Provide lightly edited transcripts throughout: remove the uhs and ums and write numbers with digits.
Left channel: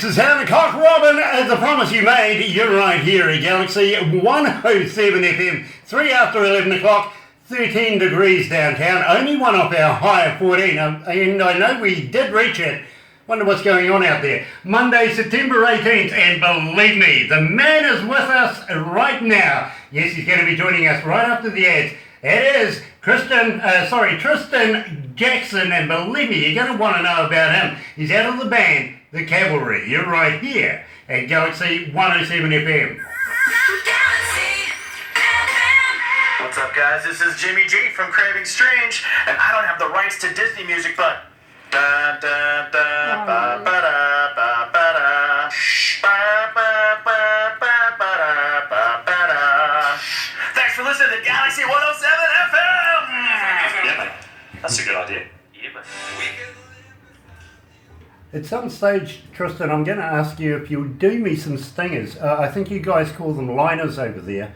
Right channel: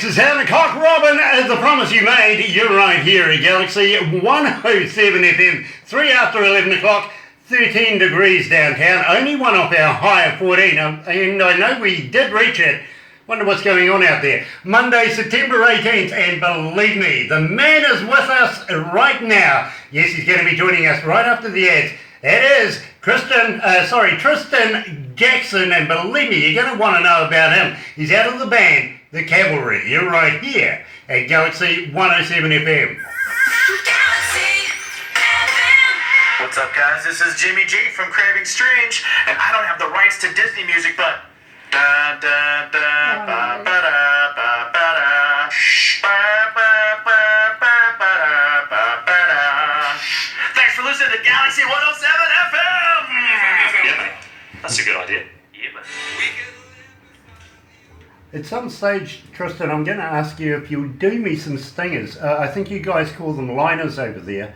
6 is 7 o'clock. Robin, as the promise you made, you're right here at Galaxy 107 FM, 3 after 11 o'clock, 13 degrees downtown, only one off our high of 14, and I know we did reach it. Wonder what's going on out there. Monday, September 18th, and believe me, the man is with us right now. Yes, he's going to be joining us right after the ads. It is Tristan Jackson, and believe me, you're going to want to know about him. He's out of the band, the Cavalry. You're right here at Galaxy 107 FM. What's up, guys? This is Jimmy G from Craving Strange, and I don't have the rights to Disney music, but da da da ba ba da ba ba da ba ba ba ba ba ba ba da. Thanks for listening to Galaxy 107 FM. Yeah, man. That's a good idea. Yeah, man. At some stage, Tristan, I'm going to ask you if you'll do me some stingers. I think you guys call them liners over there.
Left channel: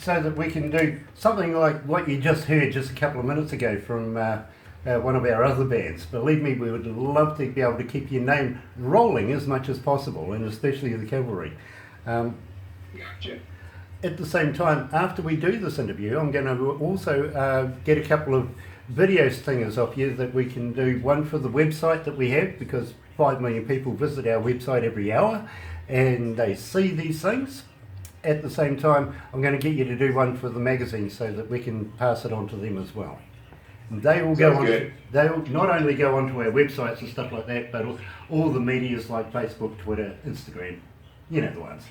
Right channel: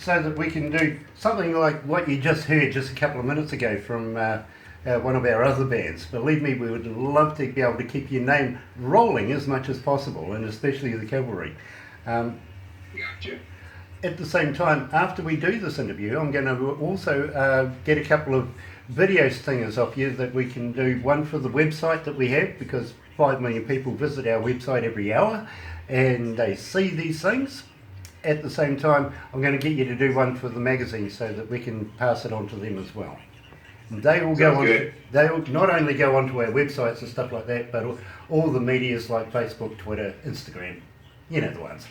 So that we can do something like what you just heard just a couple of minutes ago from one of our other bands. Believe me, we would love to be able to keep your name rolling as much as possible, and especially the Cavalry. Gotcha. At the same time, after we do this interview, I'm going to also get a couple of video stingers off you that we can do. One for the website that we have, because 5 million people visit our website every hour and they see these things. At the same time, I'm going to get you to do one for the magazine so that we can pass it on to them as well. And they will go on. They will not only go onto our websites and stuff like that, but all the medias like Facebook, Twitter, Instagram. You know the ones.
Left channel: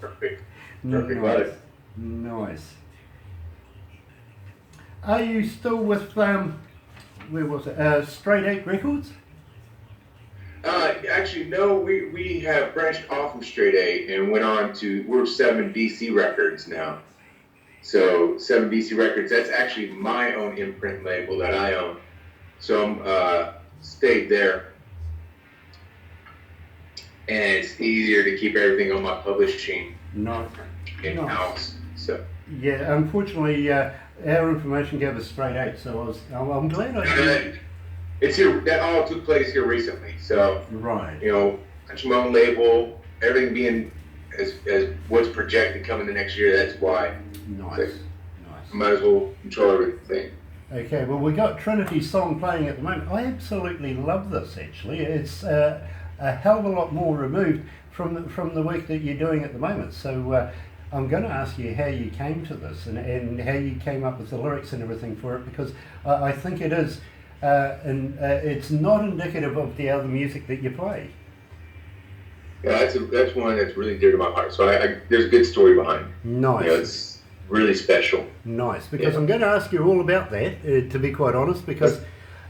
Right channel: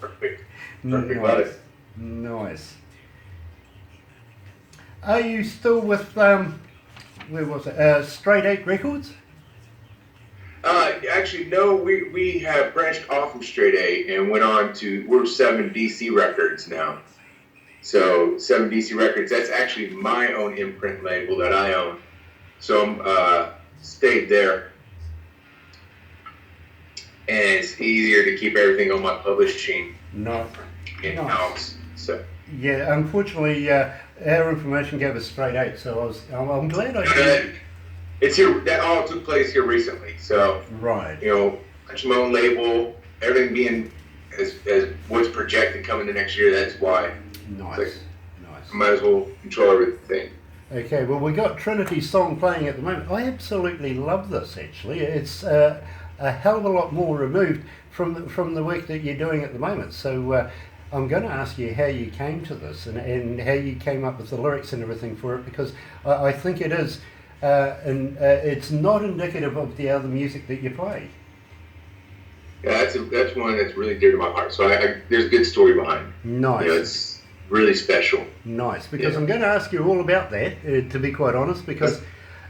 Perfect. Nice. Nice. Are you still with where was it? Straight 8 Records? Actually, no, we have branched off from Straight A and went on to, we're 7 DC Records now. So 7 DC Records, that's actually my own imprint label that I own. So I'm stayed there. And it's easier to keep everything on my publishing in-house. So. Yeah, unfortunately, our information gave us Straight 8, so I'm glad I did. It's here. That all took place here recently. So, right. You know, my own label, everything being as what's projected coming the next year. That's why. Nice. Like, nice. I might as well control everything. Okay. Well, we got Trinity's song playing at the moment. I absolutely love this. Actually, it's a hell of a lot more removed from the work that you're doing at the moment. So. I'm going to ask you how you came to this and how you came up with the lyrics and everything for it, because I think it is. And it's not indicative of the other music that you play. Yeah, that's one that's really dear to my heart. So there's a good story behind it. Nice. You know, it's really special. Nice, because I'm going to ask you all about that, to be quite honest, because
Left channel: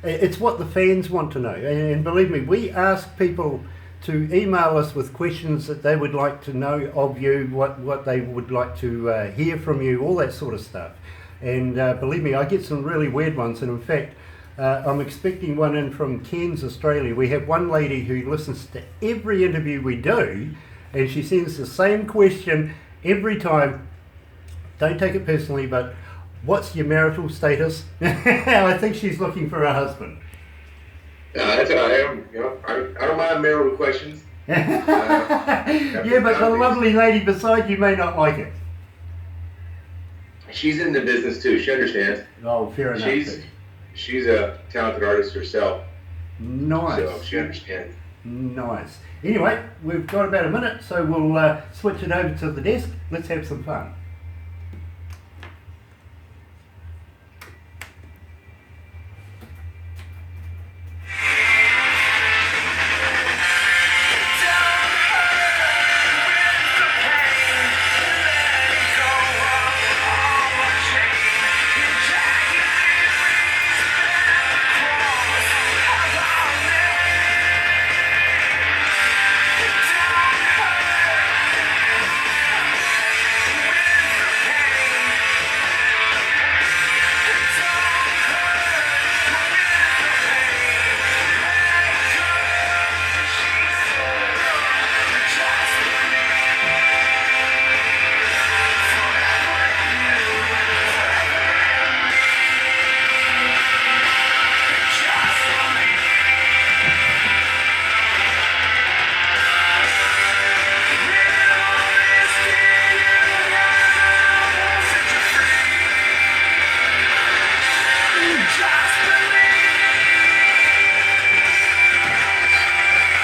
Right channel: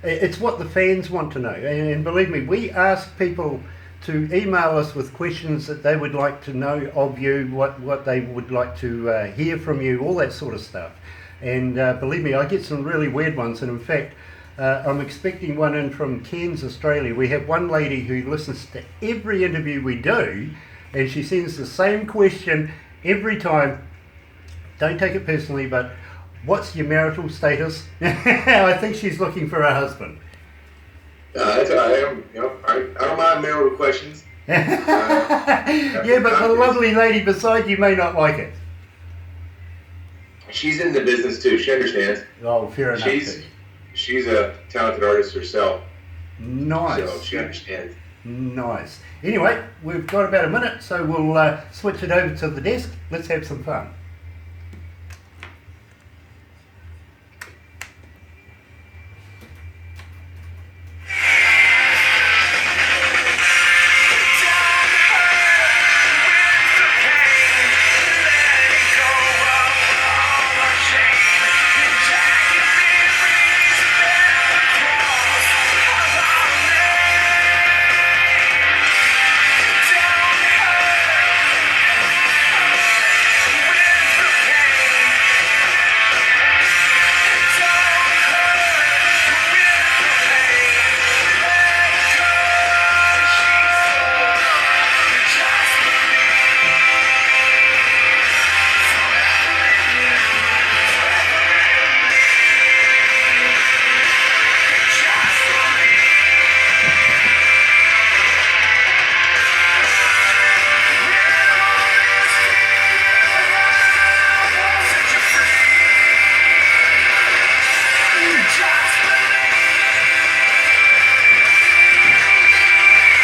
it's what the fans want to know. And believe me, we ask people to email us with questions that they would like to know of you, what they would like to hear from you, all that sort of stuff. And believe me, I get some really weird ones, and in fact, I'm expecting one in from Cairns, Australia. We have one lady who listens to every interview we do, and she sends the same question every time. Don't take it personally, but what's your marital status? I think she's looking for a husband. That's how I am. You know, I don't mind marital questions. Yeah, but the lovely lady beside you may not like it. She's in the business too. She understands. Oh, fair enough. She's a talented artist herself. Nice. So she understands. Nice. Anyway, we've got about a minute, so we'll switch it over to the desk. Let's have some fun.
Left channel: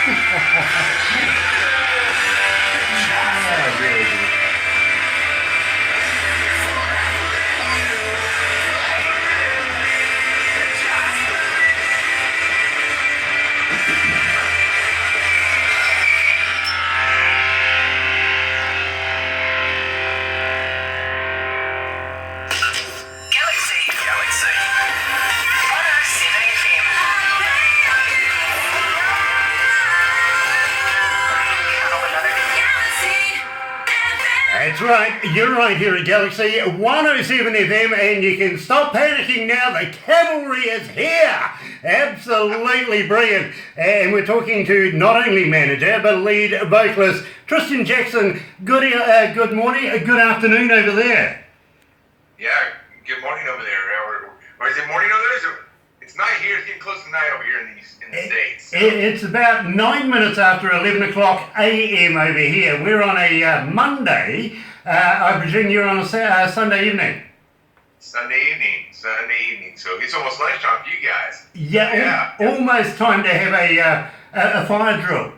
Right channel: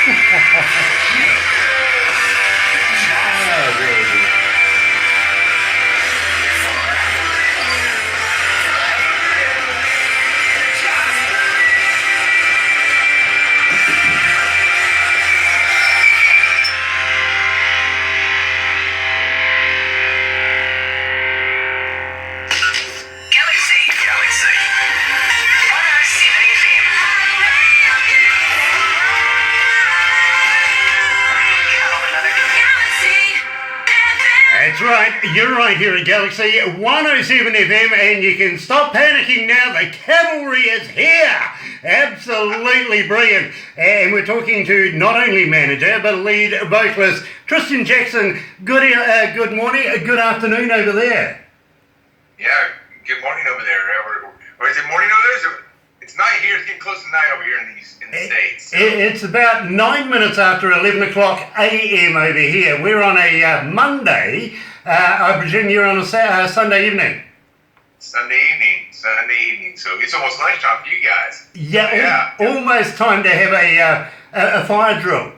Very good. Galaxy. That's right, you're right here at Galaxy 107 FM, and you can stop panicking now. The Cavalry is here. Absolutely brilliant. And we're talking to not only manager, but lead vocalist Tristan Jackson. Good morning, good afternoon over there. Yeah, good morning over there. Or is it morning over there? It's night here. It's getting close to night over here in the States. It's about 9 minutes after 11 o'clock a.m. over here. We're on a Monday. I presume you're on a Sunday evening. Sunday evening. So it's almost lunchtime for you guys. Yeah. Almost time to have a fire drill.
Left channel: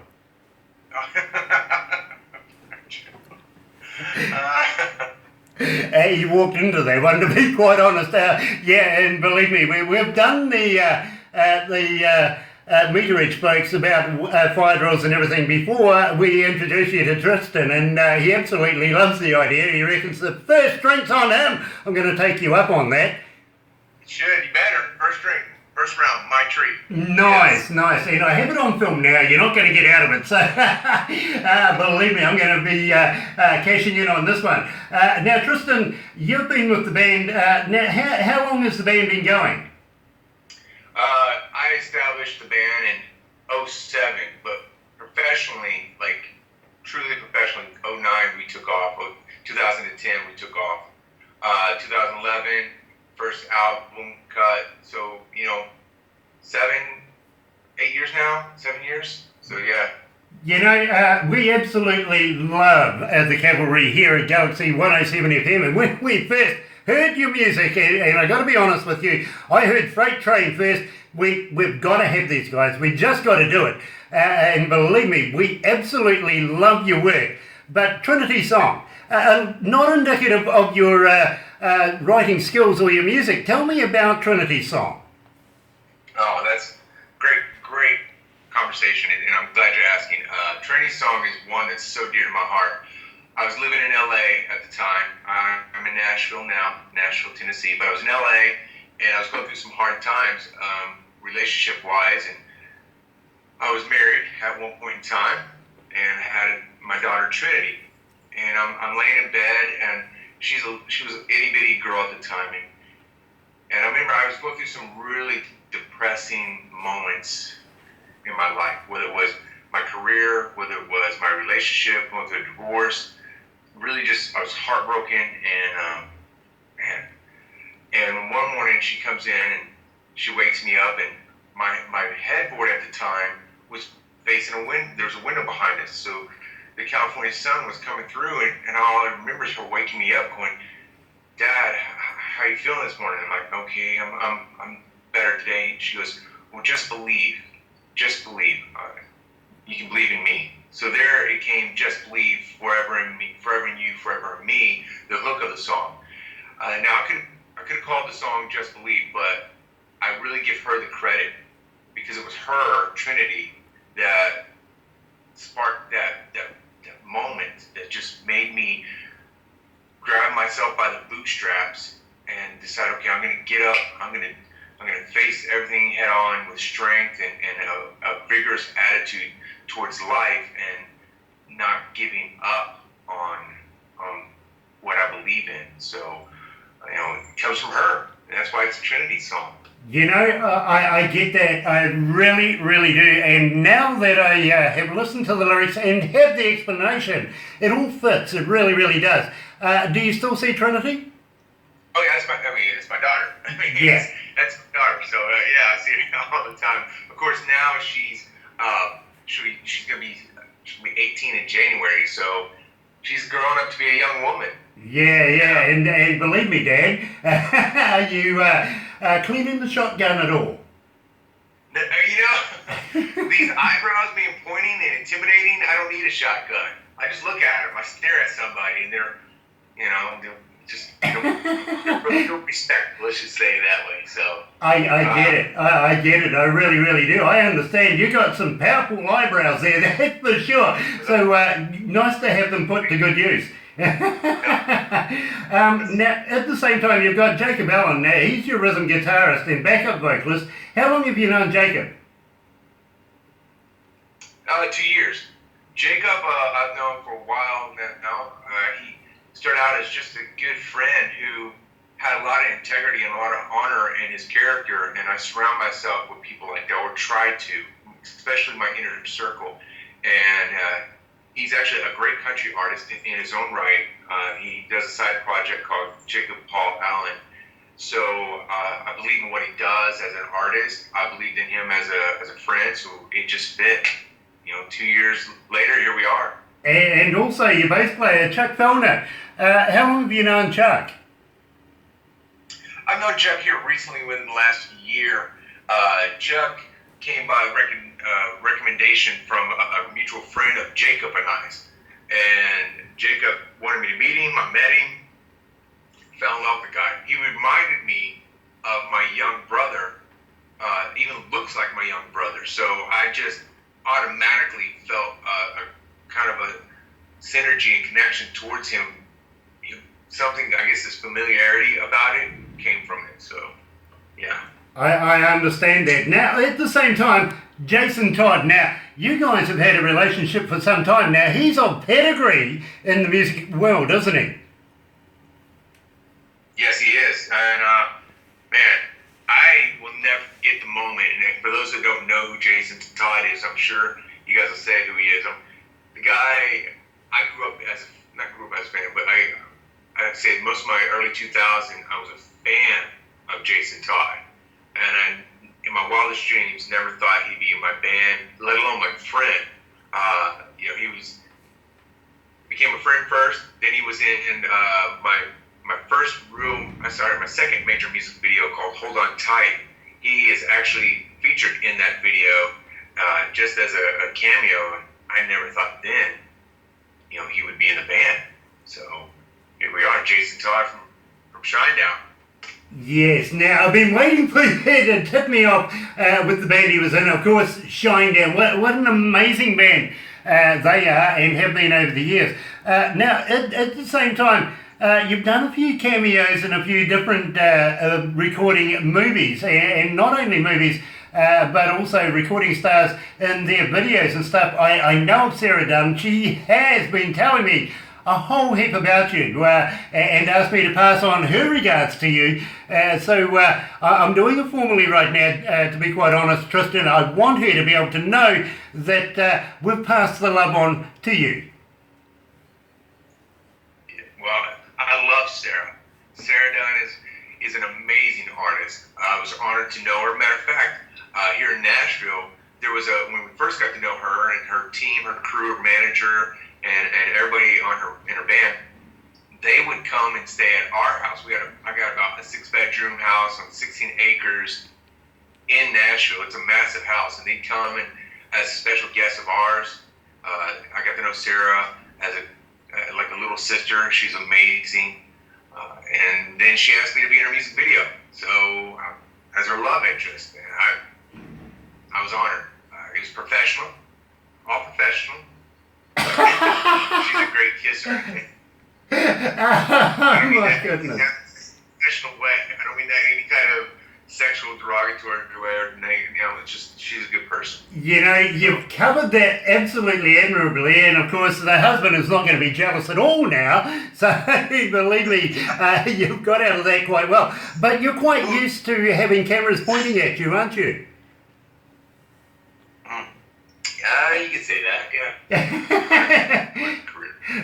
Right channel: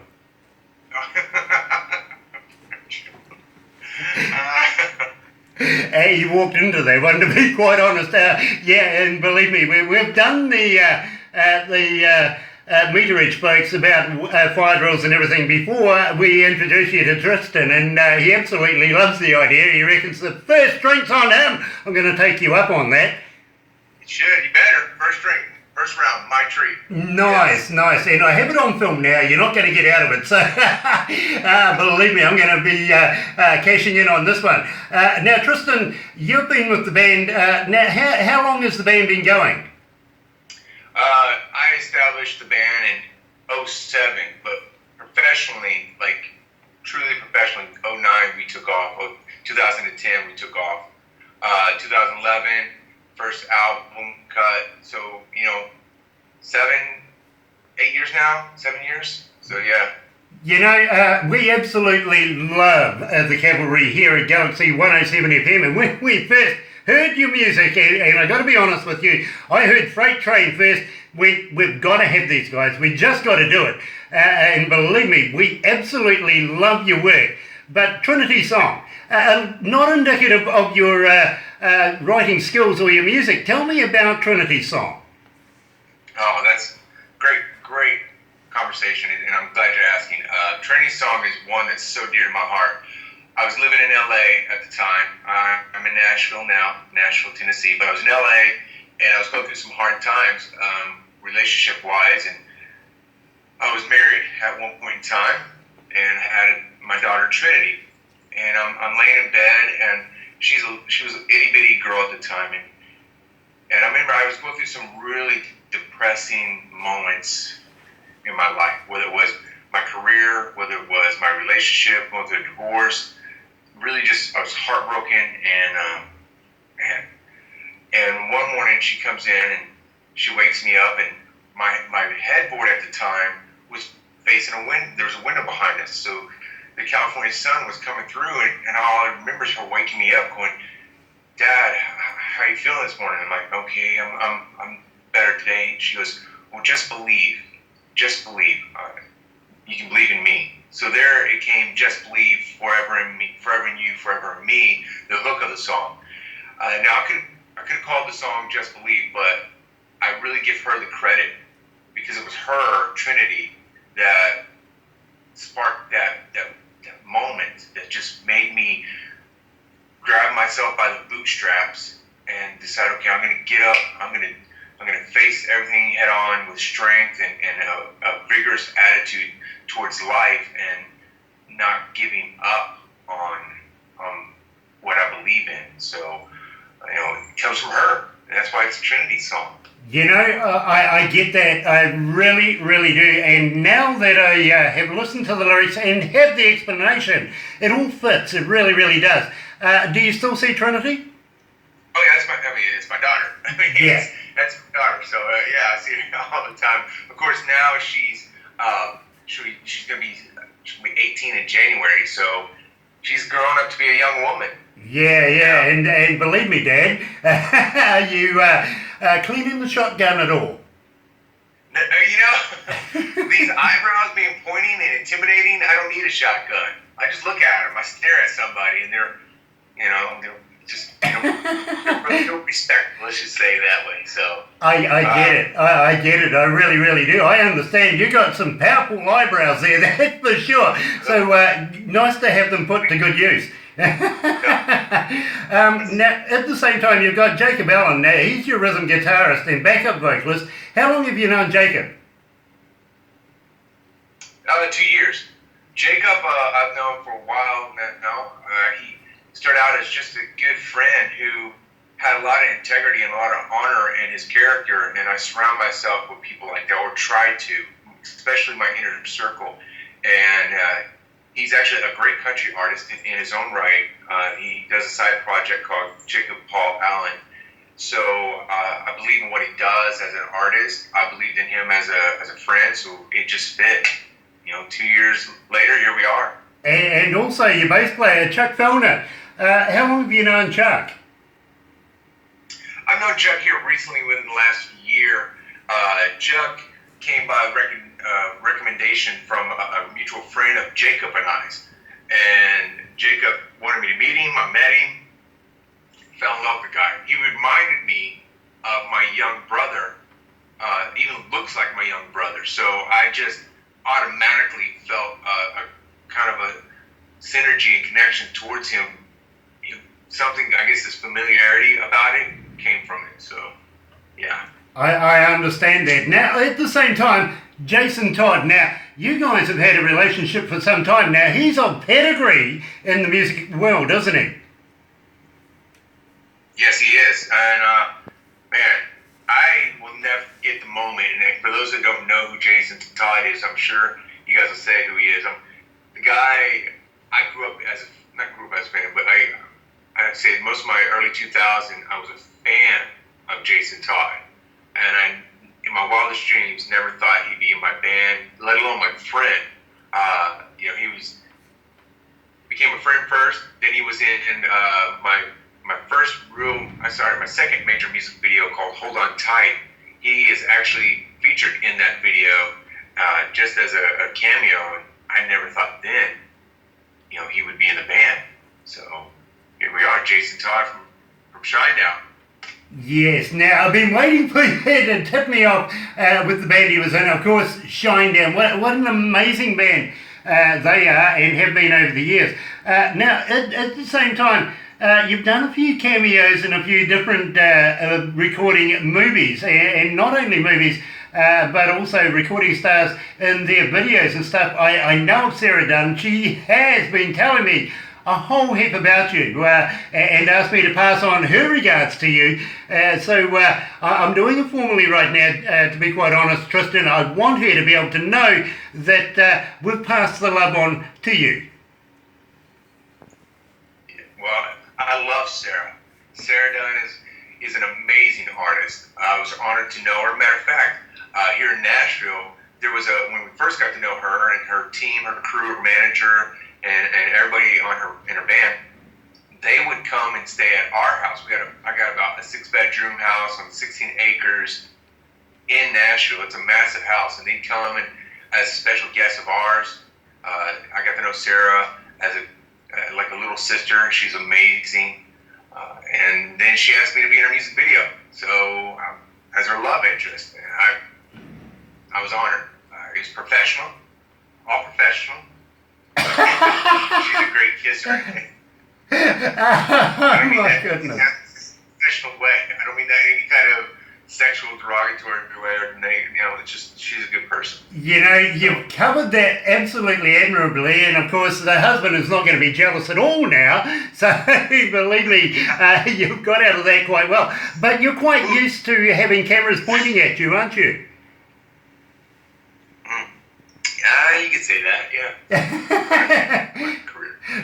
You walked into that one, to be quite honest. And believe me, we've done the meterage folks about fire drills and everything before we introduced you to Tristan, and he absolutely loves the idea. He reckons the first drink's on him. I'm going to take you up on that. You should. You better. First drink. First round. My treat. Nice. And I have it on film now. You're not going to get out of it. So believe me, I'm going to be cashing in on this one. Now, Tristan, you've been with the band. Now, how long has the band been going? I established the band in 2007, but professionally, like truly professionally, 2009 we took off. 2010 we took off. 2011 first album cut. So 8 years now. 7 years. So yeah. We absolutely love the Cavalry here at Galaxy 107 FM, and when we first heard your music, and I got to be honest with you, I heard Freight Train first. We've got to have these guys. We just got to do it. And believe me, we absolutely love your work. But Trinity Song, not indicative of your writing skills or your music. Tell me about Trinity Song. Oh, that's great conversation, and I'm glad you're asking. Trinity Song is one that's so dear to my heart. I was living in LA at the time. I'm in Nashville now, Nashville, Tennessee, but I was in LA, and I was going through some hard times, relationship-wise, and I was married at one point in time, and had my daughter Trinity, and I'm laying in bed, and she was an itty-bitty girl at the time, and I remember I was going through some really depressing moments in my life, whether it was my career, whether it was my relationship, going through a divorce. Really just, I was heartbroken, and one morning she comes in and she wakes me up, and my headboard at the time was facing a window. There was a window behind us, so the California sun was coming through, and all I remember is her waking me up, going, "Dad, how are you feeling this morning?" I'm like, "Okay, I'm better today." She goes, "Well, just believe. You can believe in me." So there it came, "Just believe, forever in me, forever in you, forever in me," the hook of the song. Now I could have called the song "Just Believe," but I really give her the credit because it was her, Trinity, that sparked that moment that just made me grab myself by the bootstraps and decide, okay, I'm going to get up, I'm going to face everything head on with strength and a vigorous attitude towards life, and not giving up on what I believe in. So, it comes from her, and that's why it's a Trinity song. I get that. I really, really do. And now that I have listened to the lyrics and have the explanation, it all fits. It really, really does. Do you still see Trinity? Oh yeah, it's my daughter. Yeah. That's my daughter. So yeah, I see her all the time. Of course, now she's gonna be 18 in January, so she's grown up to be a young woman. Yeah, and believe me, Dad, are you cleaning the shotgun at all? These eyebrows being pointy a shotgun. I just look at them. I stare at somebody, and they're just don't respect. Let's just say it that way. So I get it. I get it. I really, really do. I understand. You got some powerful eyebrows there, that's for sure. So nice to have them put to good use. Now, at the same time, you've got Jacob Allen. Now, he's your rhythm guitarist and backup vocalist. How long have you known Jacob? 2 years. Jacob, I've known for a while now. He started out as just a good friend who had a lot of integrity and a lot of honor in his character, and I surround myself with people like that, or try to, especially my inner circle. And he's actually a great country artist in his own right. He does a side project called Jacob Paul Allen. So I believe in what he does as an artist. I believed in him as a friend, so it just fit. 2 years later, here we are. And also your bass player, Chuck Fellner. How long have you known Chuck? I've known Chuck here recently within the last year. Chuck came by recommendation from a mutual friend of Jacob and I's. And Jacob wanted me to meet him. I met him. Fell in love with the guy. He reminded me of my young brother. Even looks like my young brother. So I just automatically felt a kind of a synergy and connection towards him. Something, I guess, this familiarity about it came from it. So, yeah. I understand that. Now, at the same time, Jason Todd, now, you guys have had a relationship for some time now. He's of pedigree in the music world, isn't he? Yes, he is. And, man, I will never forget the moment. And for those that don't know who Jason Todd is, I'm sure you guys will say who he is. The guy, I grew up as a fan, but I'd say most of my early 2000s, I was a fan of Jason Todd. And I, in my wildest dreams, never thought he'd be in my band, let alone my friend. He became a friend first, then he was in my second major music video called Hold On Tight. He is actually featured in that video just as a cameo, and I never thought then, he would be in the band. So here we are, Jason Todd from Shinedown. Yes, now I've been waiting for you to tip me off with the band he was in. Of course, Shinedown. What an amazing band they are and have been over the years. Now, at the same time, you've done a few cameos in a few different recording movies, and not only movies, but also recording stars in their videos and stuff. I know of Sarah Dunn. She has been telling me a whole heap about you and asked me to pass on her regards to you. So I'm doing it formally right now, to be quite honest, Tristan. I want her to be able to know that we've passed the love on to you. Well, I love Sarah. Sarah Dunn is an amazing artist. I was honored to know her. Matter of fact, here in Nashville, there was when we first got to know her and her team, her crew, her manager, and everybody in her band, they would come and stay at our house. I got about a 6-bedroom house on 16 acres in Nashville. It's a massive house, and they'd come and as special guests of ours. I got to know Sarah as like a little sister. She's amazing. And then she asked me to be in her music video. So as her love interest, I was honored. It was professional, all professional. She's a great kisser. Oh my goodness. In that professional way. I don't mean that any kind of sexual derogatory way or it's just she's a good person. You've covered that absolutely admirably, and of course the husband is not going to be jealous at all now, so believe me, you've got out of that quite well. But you're quite used to having cameras pointing at you, aren't you? You could say that, yeah.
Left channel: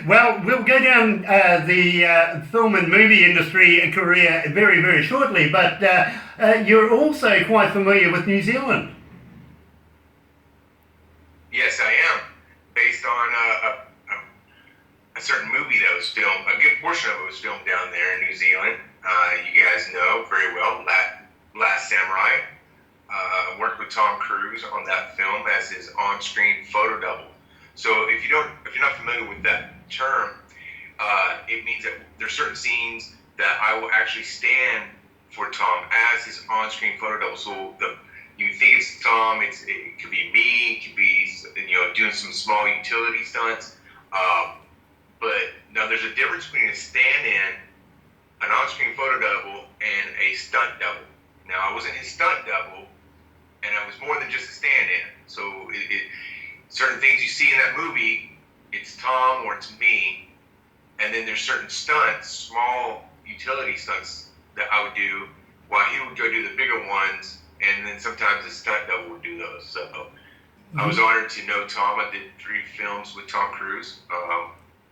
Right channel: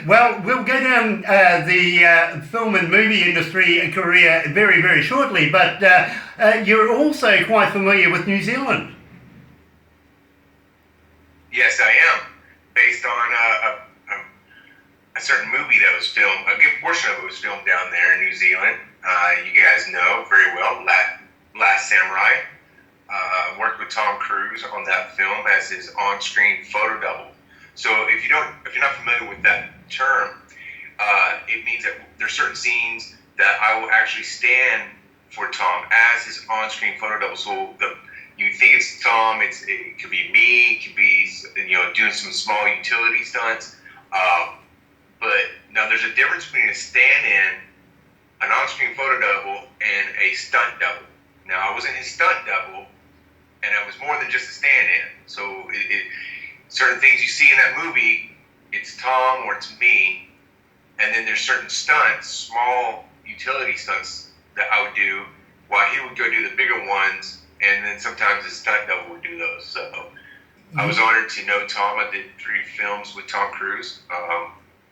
Well, we'll go down the film and movie industry career very, very shortly, but you're also quite familiar with New Zealand. Yes, I am. Based on a certain movie that was filmed, a good portion of it was filmed down there in New Zealand. You guys know very well, Last Samurai. Worked with Tom Cruise on that film as his on-screen photo double. So if you're not familiar with that term, it means that there's certain scenes that I will actually stand for Tom as his on-screen photo double. So you think it's Tom, it could be me, it could be doing some small utility stunts. But now there's a difference between a stand-in, an on-screen photo double, and a stunt double. Now I wasn't his stunt double, and I was more than just a stand-in. So certain things you see in that movie, it's Tom or it's me, and then there's certain stunts, small utility stunts that I would do while he would go do the bigger ones, and then sometimes the stunt double would do those. So I was honored to know Tom. I did 3 films with Tom Cruise,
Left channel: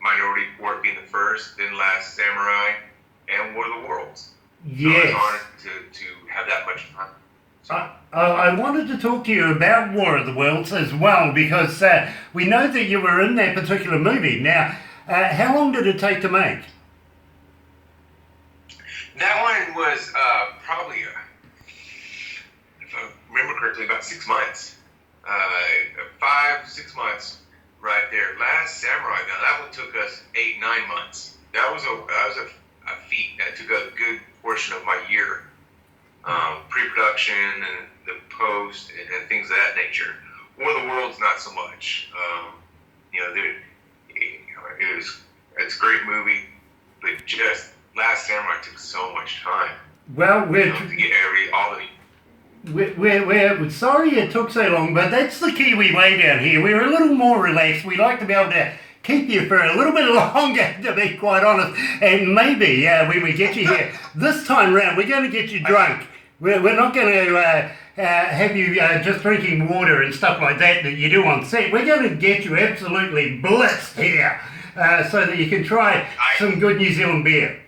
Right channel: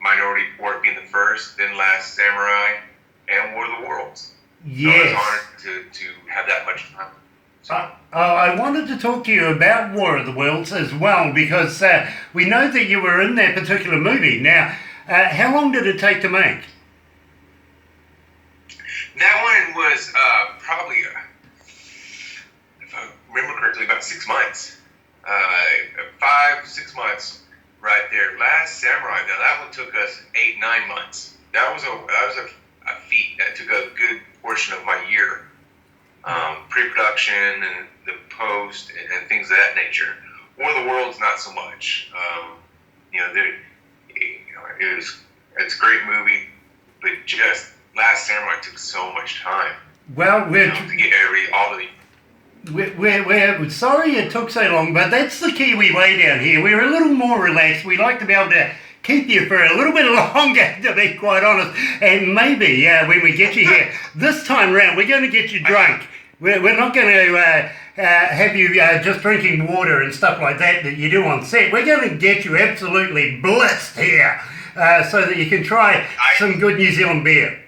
Minority Report being the first, then Last Samurai, and War of the Worlds. Yes. So I was honored to have that much fun. So, I wanted to talk to you about War of the Worlds as well, because we know that you were in that particular movie. Now, how long did it take to make? that one was probably, if I remember correctly, about 6 months. 5-6 months right there. Last Samurai, now that one took us 8-9 months. That was a feat. That took a good portion of my year. Pre-production and the post and things of that nature. War of the Worlds, not so much. It's a great movie, but just Last Samurai took so much time. Well, to get all the. We're sorry it took so long, but that's the Kiwi way down here. We're a little more relaxed. We like to be able to keep you for a little bit longer, to be quite honest. And maybe when we get you here this time round, we're going to get you drunk. We're not going to have you just drinking water and stuff like that you do on set. We're going to get you absolutely blitzed here so that you can try some good New Zealand beer.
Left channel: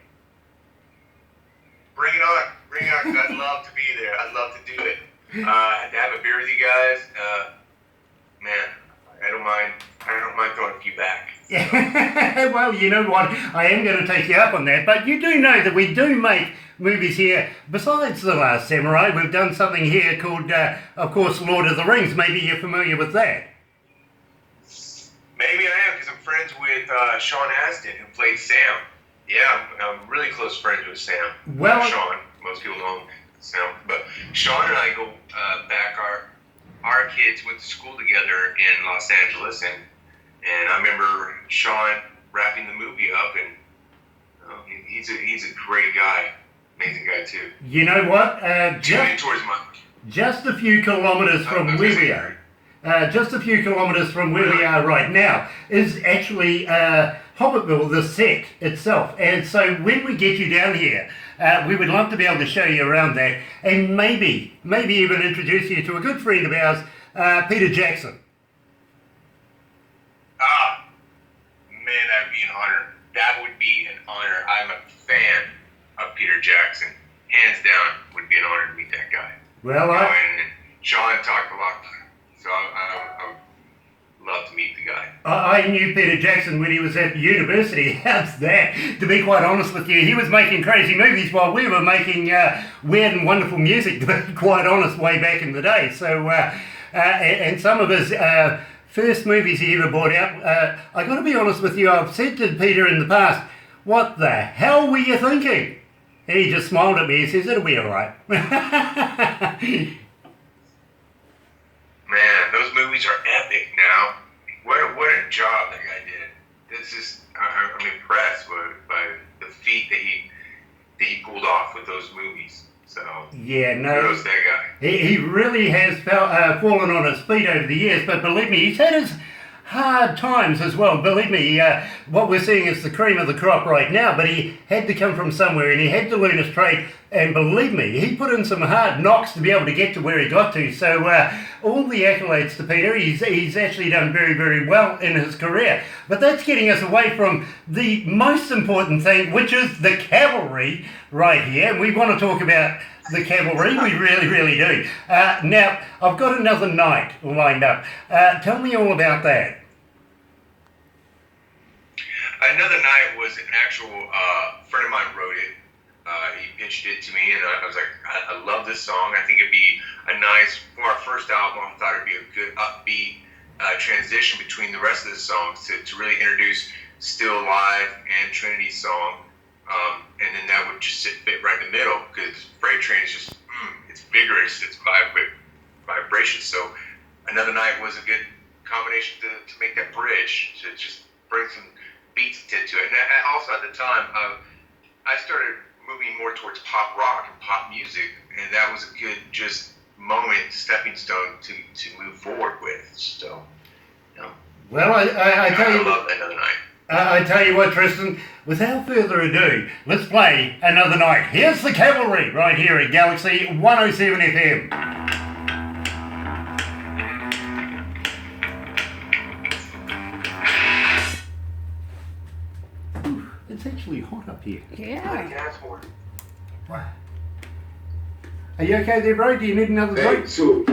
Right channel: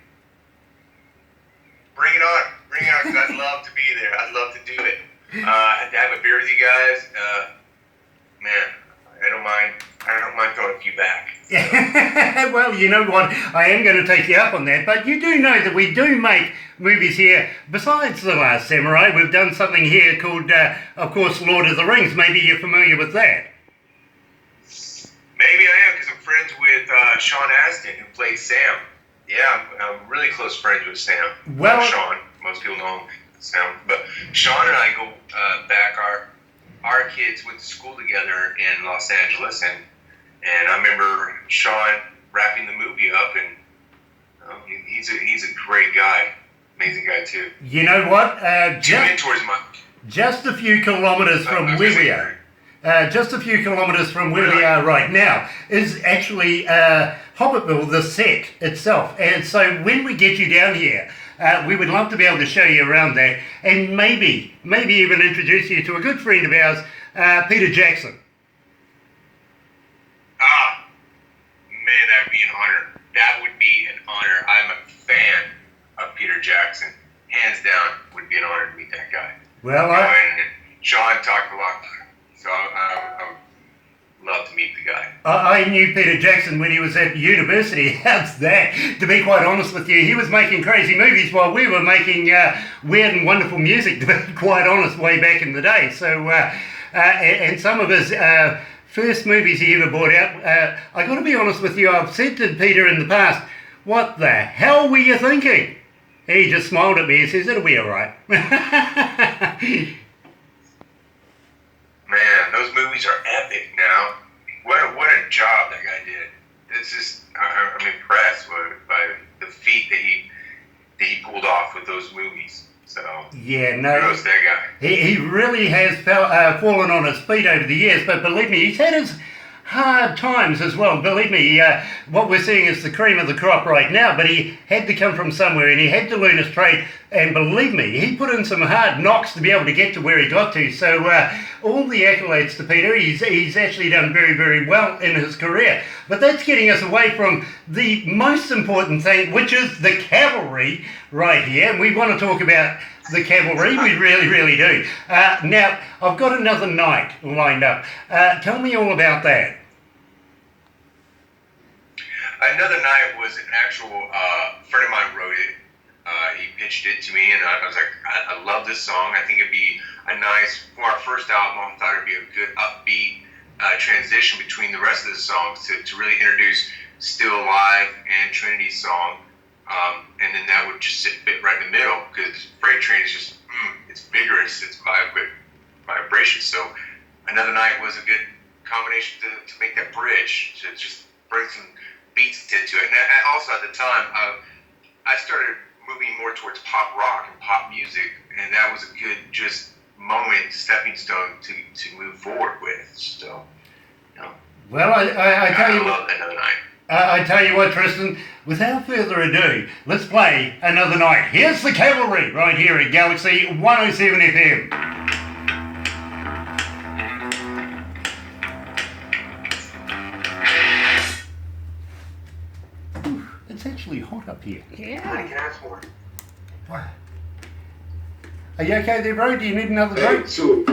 Bring it on, because I'd love to be there. I'd love to do it. To have a beer with you guys, man, I don't mind throwing a few back. Well, you know what? I am going to take you up on that. But you do know that we do make movies here. Besides The Last Samurai, we've done something here called, of course, Lord of the Rings. Maybe you're familiar with that. Maybe I am, because I'm friends with Sean Astin, who plays Sam. Yeah, I'm really close friends with Sam. Well, Sean. Most people know him as Sam. But Sean and I go back. Our kids went to school together in Los Angeles, and I remember Sean wrapping the movie up, and he's a great guy, amazing guy too. You know what? Just a few kilometres from where we are. Just a few kilometres from where we are right now is actually Hobbitville, the set itself. And so when we get you down here, we would love to be able to show you around that, and maybe even introduce you to a good friend of ours, Peter Jackson. Man, that would be an honor. That would be an honor. I'm a fan of Peter Jackson. Hands down, would be an honor to meet that guy. Well, and Sean talked a lot, so I would love to meet the guy. I knew Peter Jackson when he was at university. How's that? To be quite honest with you, he was making crazy movies while we were making weird and wonderful music, to be quite honest, way back in the day. So, and some of his first movies he ever brought out, I got to be honest with you, I've said to Peter in the past, what the hell were you thinking? He just smiled at me and says, it'll be all right. Man, those movies are epic now. What a job that guy did. It's just, I'm impressed by the feat that he pulled off with those movies. So, yeah, no, kudos to that guy. He really has fallen on his feet over the years, but believe me, he's had his hard times as well. Believe me, what we're seeing is the cream of the crop right now, but he had to come from somewhere and he had to learn his trade, and believe me, he put in some hard knocks to be able to get to where he got to. So all the accolades to Peter. He's actually done very, very well in his career. But that's getting us away from the most important thing, which is the Cavalry right here. We want to talk about the Cavalry, we really, really do. Now, I've got another night lined up. Tell me all about that. Another night was an actual friend of mine wrote it. He pitched it to me, and I was like, I love this song. I think it'd be a nice, for our first album, I thought it'd be a good upbeat transition between the rest of the songs to really introduce Still Alive and Trinity's song. And then that would just fit right in the middle, because Freight Train is just, it's vigorous, it's vibration. So Another Night was a good combination to make that bridge, to just bring some beats to it. And also at the time, I started moving more towards pop rock and pop music, and that was a good just moment, stepping stone to move forward with. So, you know. Well, I tell you, I love Another Night. I tell you what, Tristan, without further ado, let's play Another Night. Here's the Cavalry right here at Galaxy 107 FM. It's actually hot up here. Yeah. Wow. Are you okay there, bro? Do you need another Hey, drink? so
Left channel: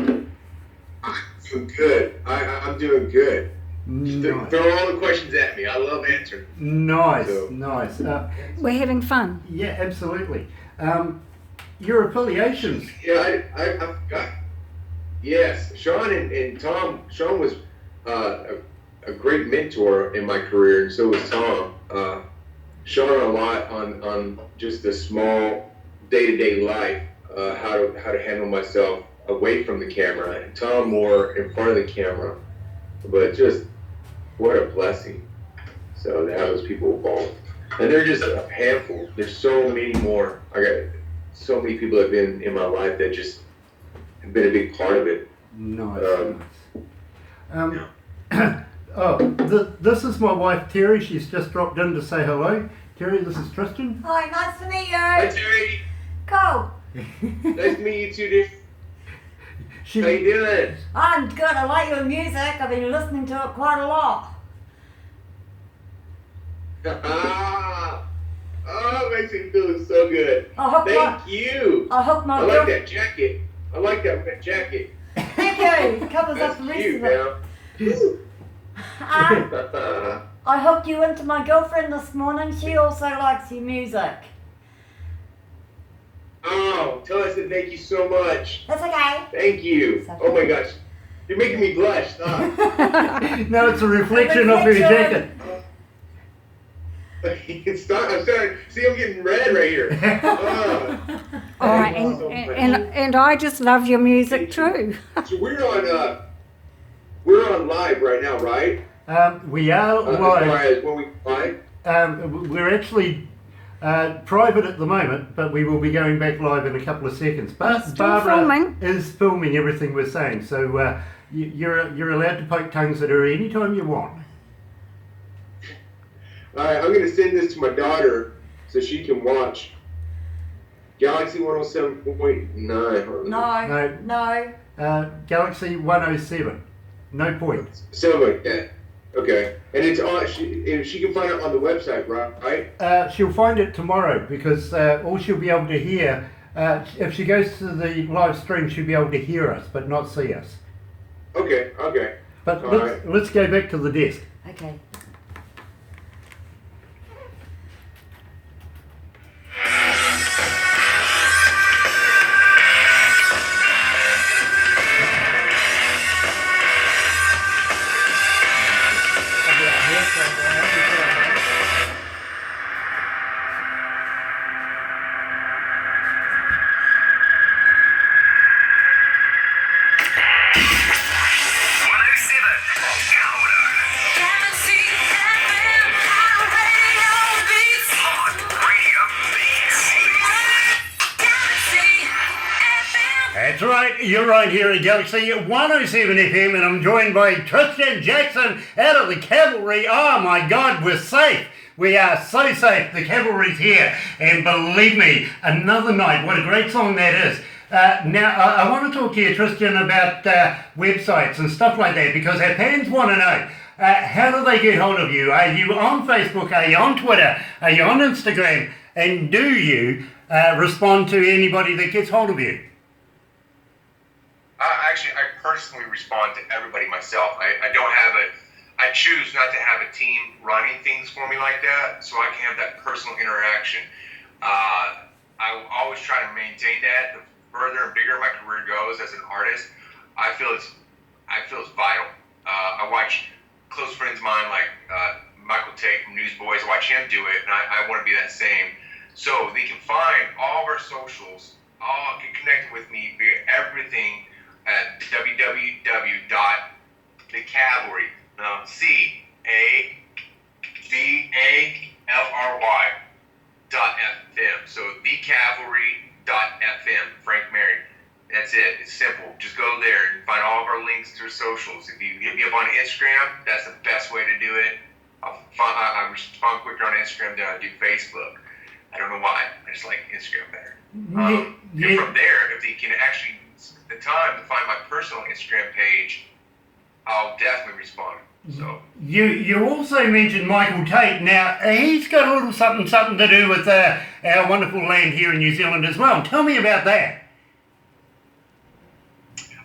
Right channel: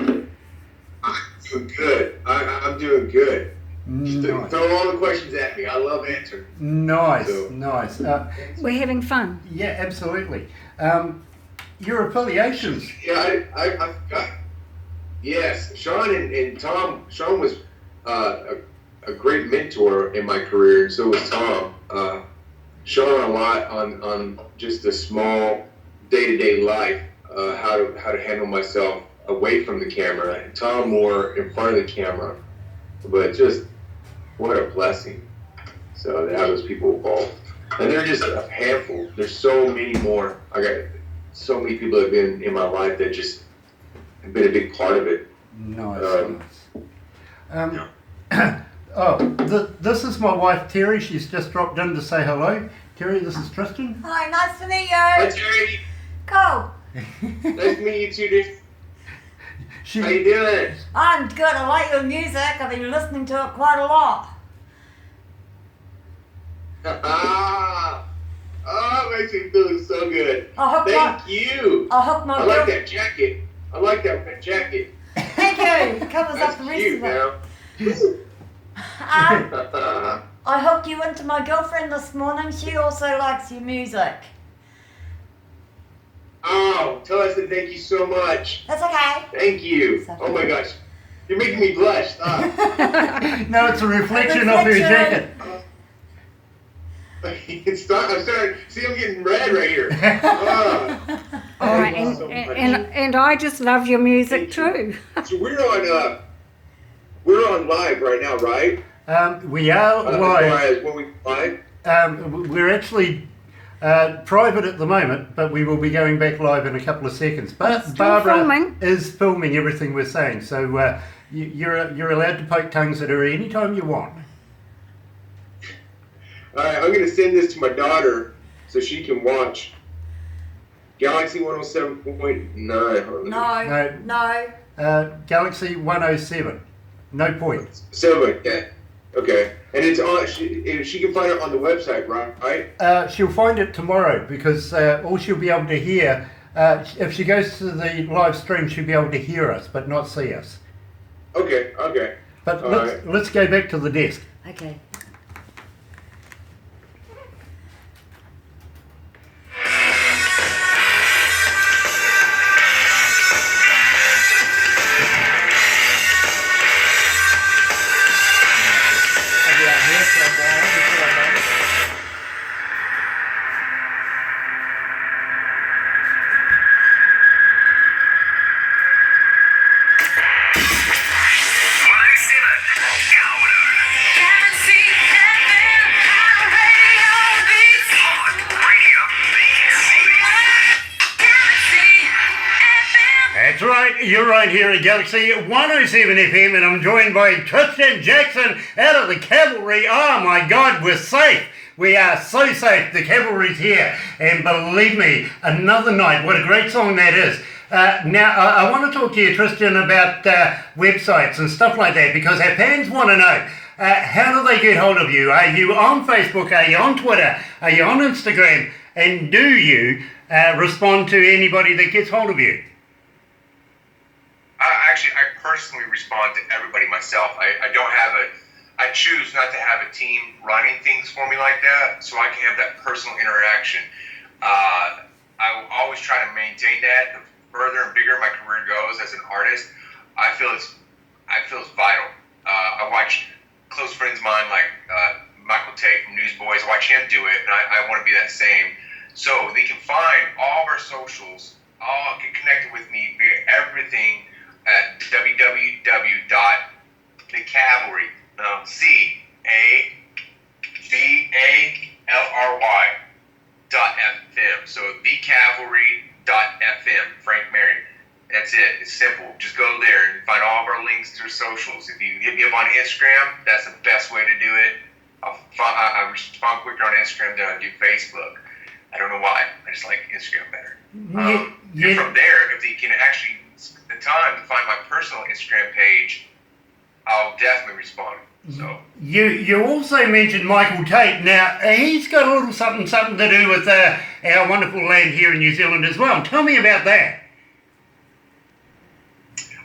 I'm doing good. I'm doing good. Nice. Throw all the questions at me. I love answering. Nice, So- nice. We're having fun. Yeah, absolutely. Your affiliations. Yeah, I forgot. Yes, Sean and Tom. Sean was a great mentor in my career, and so was Tom. Sean a lot on just a small day-to-day life, how to handle myself away from the camera, and Tom more in front of the camera. But just what a blessing. So to have those people involved, and they're just a handful. There's so many more. I got so many people that have been in my life that just have been a big part of it. Nice. This is my wife Terry. She's just dropped in to say hello. Terry, this is Tristan. Hi, nice to meet Hi you. Terry, Cool. nice to meet you too, dude. How you doing? I'm good. I like your music. I've been listening to it quite a lot. Oh, it makes me feel so good. Thank you. I hook my I like girl- that jacket. I like that red jacket. Thank you. It covers That's up the rest cute of it. now. I hooked you into my girlfriend this morning. She also likes your music. Oh, tell us that thank you so much. That's okay. Thank you. Oh my gosh. You're making me blush. Stop. No, it's a reflection of her jacket. Stop. I'm starting. See, I'm getting red right here. Oh. All right, and I just love your music too. So we're on live right now, right? We are live. When we live. We're actually private at the moment, but we will be going back live in a couple of seconds. But Still Barbara filming. is filming everything we're saying, so you're allowed to poke tongues at her anytime you want. All right, I'm gonna send this to my daughter so she can watch Galaxy 107.9. No. Galaxy 107. No point. Something like that. Okay, and it's on. She can find it on the website, right? She'll find it tomorrow because all she'll be able to hear, if she goes to the live stream, she'll be able to hear us but not see us. Okay. But All let's go back to the desk. Okay. That's right, you're right here at Galaxy 107 FM, and I'm joined by Tristan Jackson out of the Cavalry. Oh my God, we're safe. We are so safe. The Cavalry's here, and believe me, Another Night. What a great song that is. Now, I want to talk to you, Tristan, about websites and stuff like that, because our fans want to know, how do they get hold of you? Are you on Facebook? Are you on Twitter? Are you on Instagram? And do you respond to anybody that gets hold of you? Actually, I personally respond to everybody myself. I don't have I choose not to have a team running things for me like that, so I can have that personal interaction. I will always try to maintain that. The further and bigger my career goes as an artist, I feel it's vital. I watch close friends of mine like Michael Tate from Newsboys. I watch him do it, and I want to be that same. So they can find all of our socials, all get connected with me via everything at www.thecavalry, CAVALRY.FM. So thecavalry.FM, Frank Mary. That's it. It's simple. Just go there and find all of our links to our socials. If you hit me up on Instagram, that's the best way to do it. I respond quicker on Instagram than I do Facebook. I don't know why. I just like Instagram better. And from there, if you can actually spend the time to find my personal Instagram page, I'll definitely respond. So you also mentioned Michael Tate. Now he's got a little something to do with our wonderful land here in New Zealand as well. Tell me about that.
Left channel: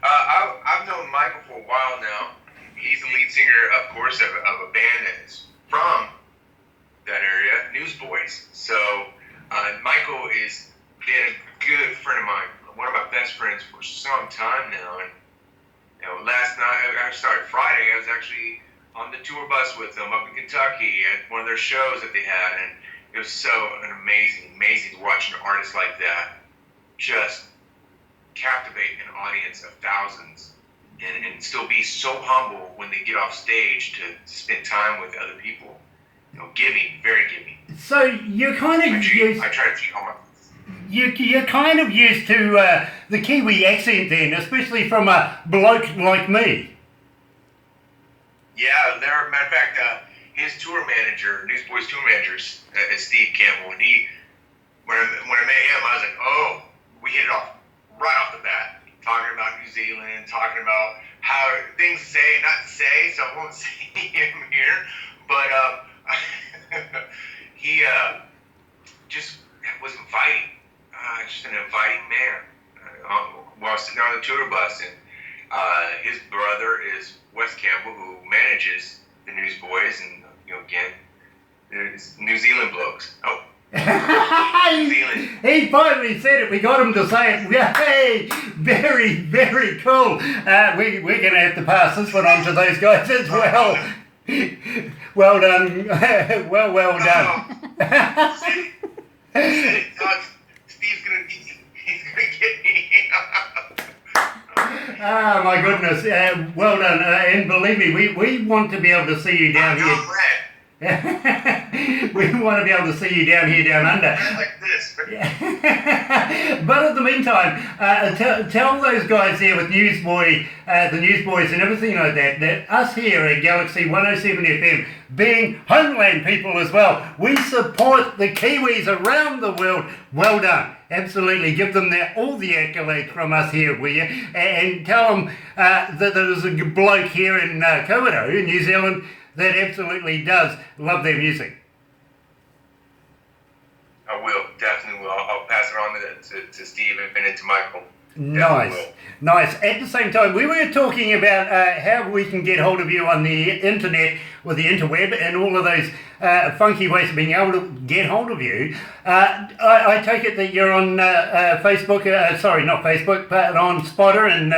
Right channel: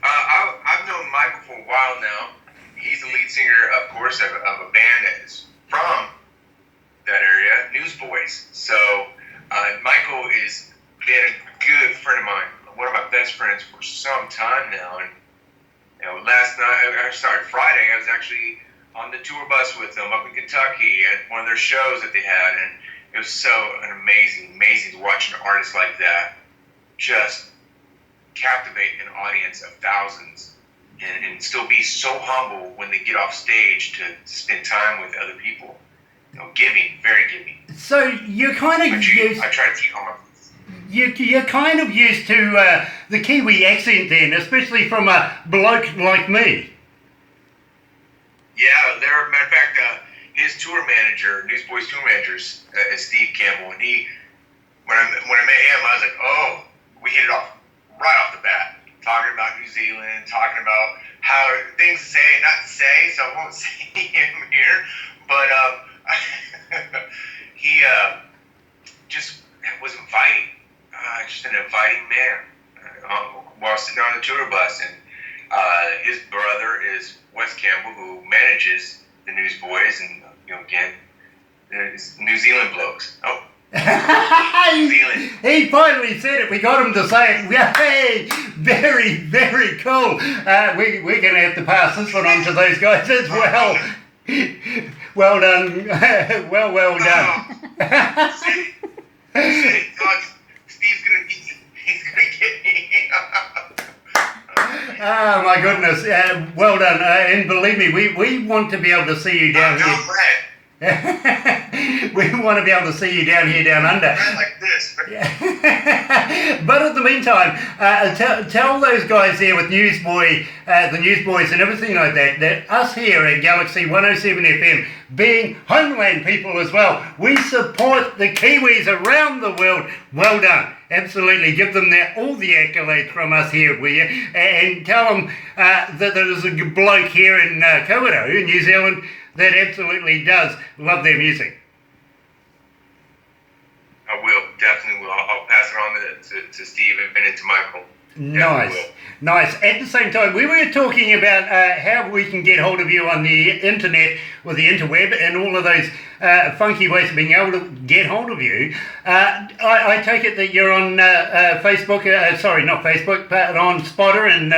I've known Michael for a while now. He's the lead singer, of course, of a band that is from that area, Newsboys. So Michael is been a good friend of mine, one of my best friends for some time now. And Friday, I was actually on the tour bus with them up in Kentucky at one of their shows that they had, and it was so amazing to watch an artist like that just captivate an audience of thousands and still be so humble when they get off stage to spend time with other people. Very giving. So you're kind of I try to take all my. You're kind of used to the Kiwi accent then, especially from a bloke like me. Yeah, matter of fact, his tour manager, Newsboys tour manager, is Steve Campbell, and when I met him, I was like, oh, we hit it off right off the bat, talking about New Zealand, talking about how things to say and not to say, so I won't say him here, but he just was inviting, just an inviting man while sitting on the tour bus, and his brother is Wes Campbell, who manages the Newsboys, and again, it's New Zealand blokes. Oh. He finally said it. We got him to say it. Hey, very, very cool. We're going to have to pass this one on to those guys as well. Well done. well done. Steve's gonna get me. Oh my goodness. Well done. And believe me, we want to be able to see you down here. We want to be able to see you down here, down under. Like this. But in the meantime, tell those guys there with the Newsboys and everything like that us here at Galaxy 107 FM, being homeland people as well, we support the Kiwis around the world. Well done. Absolutely. Give them all the accolades from us here, will you? And tell them that there's a bloke here in Kawerau, in New Zealand, that absolutely does love their music. I will, definitely will. I'll pass it on to Steve and to Michael. Nice. At the same time, we were talking about how we can get hold of you on the internet or the interweb and all of those funky ways of being able to get hold of you. I take it that you're on Facebook, not Facebook, but on Spotter and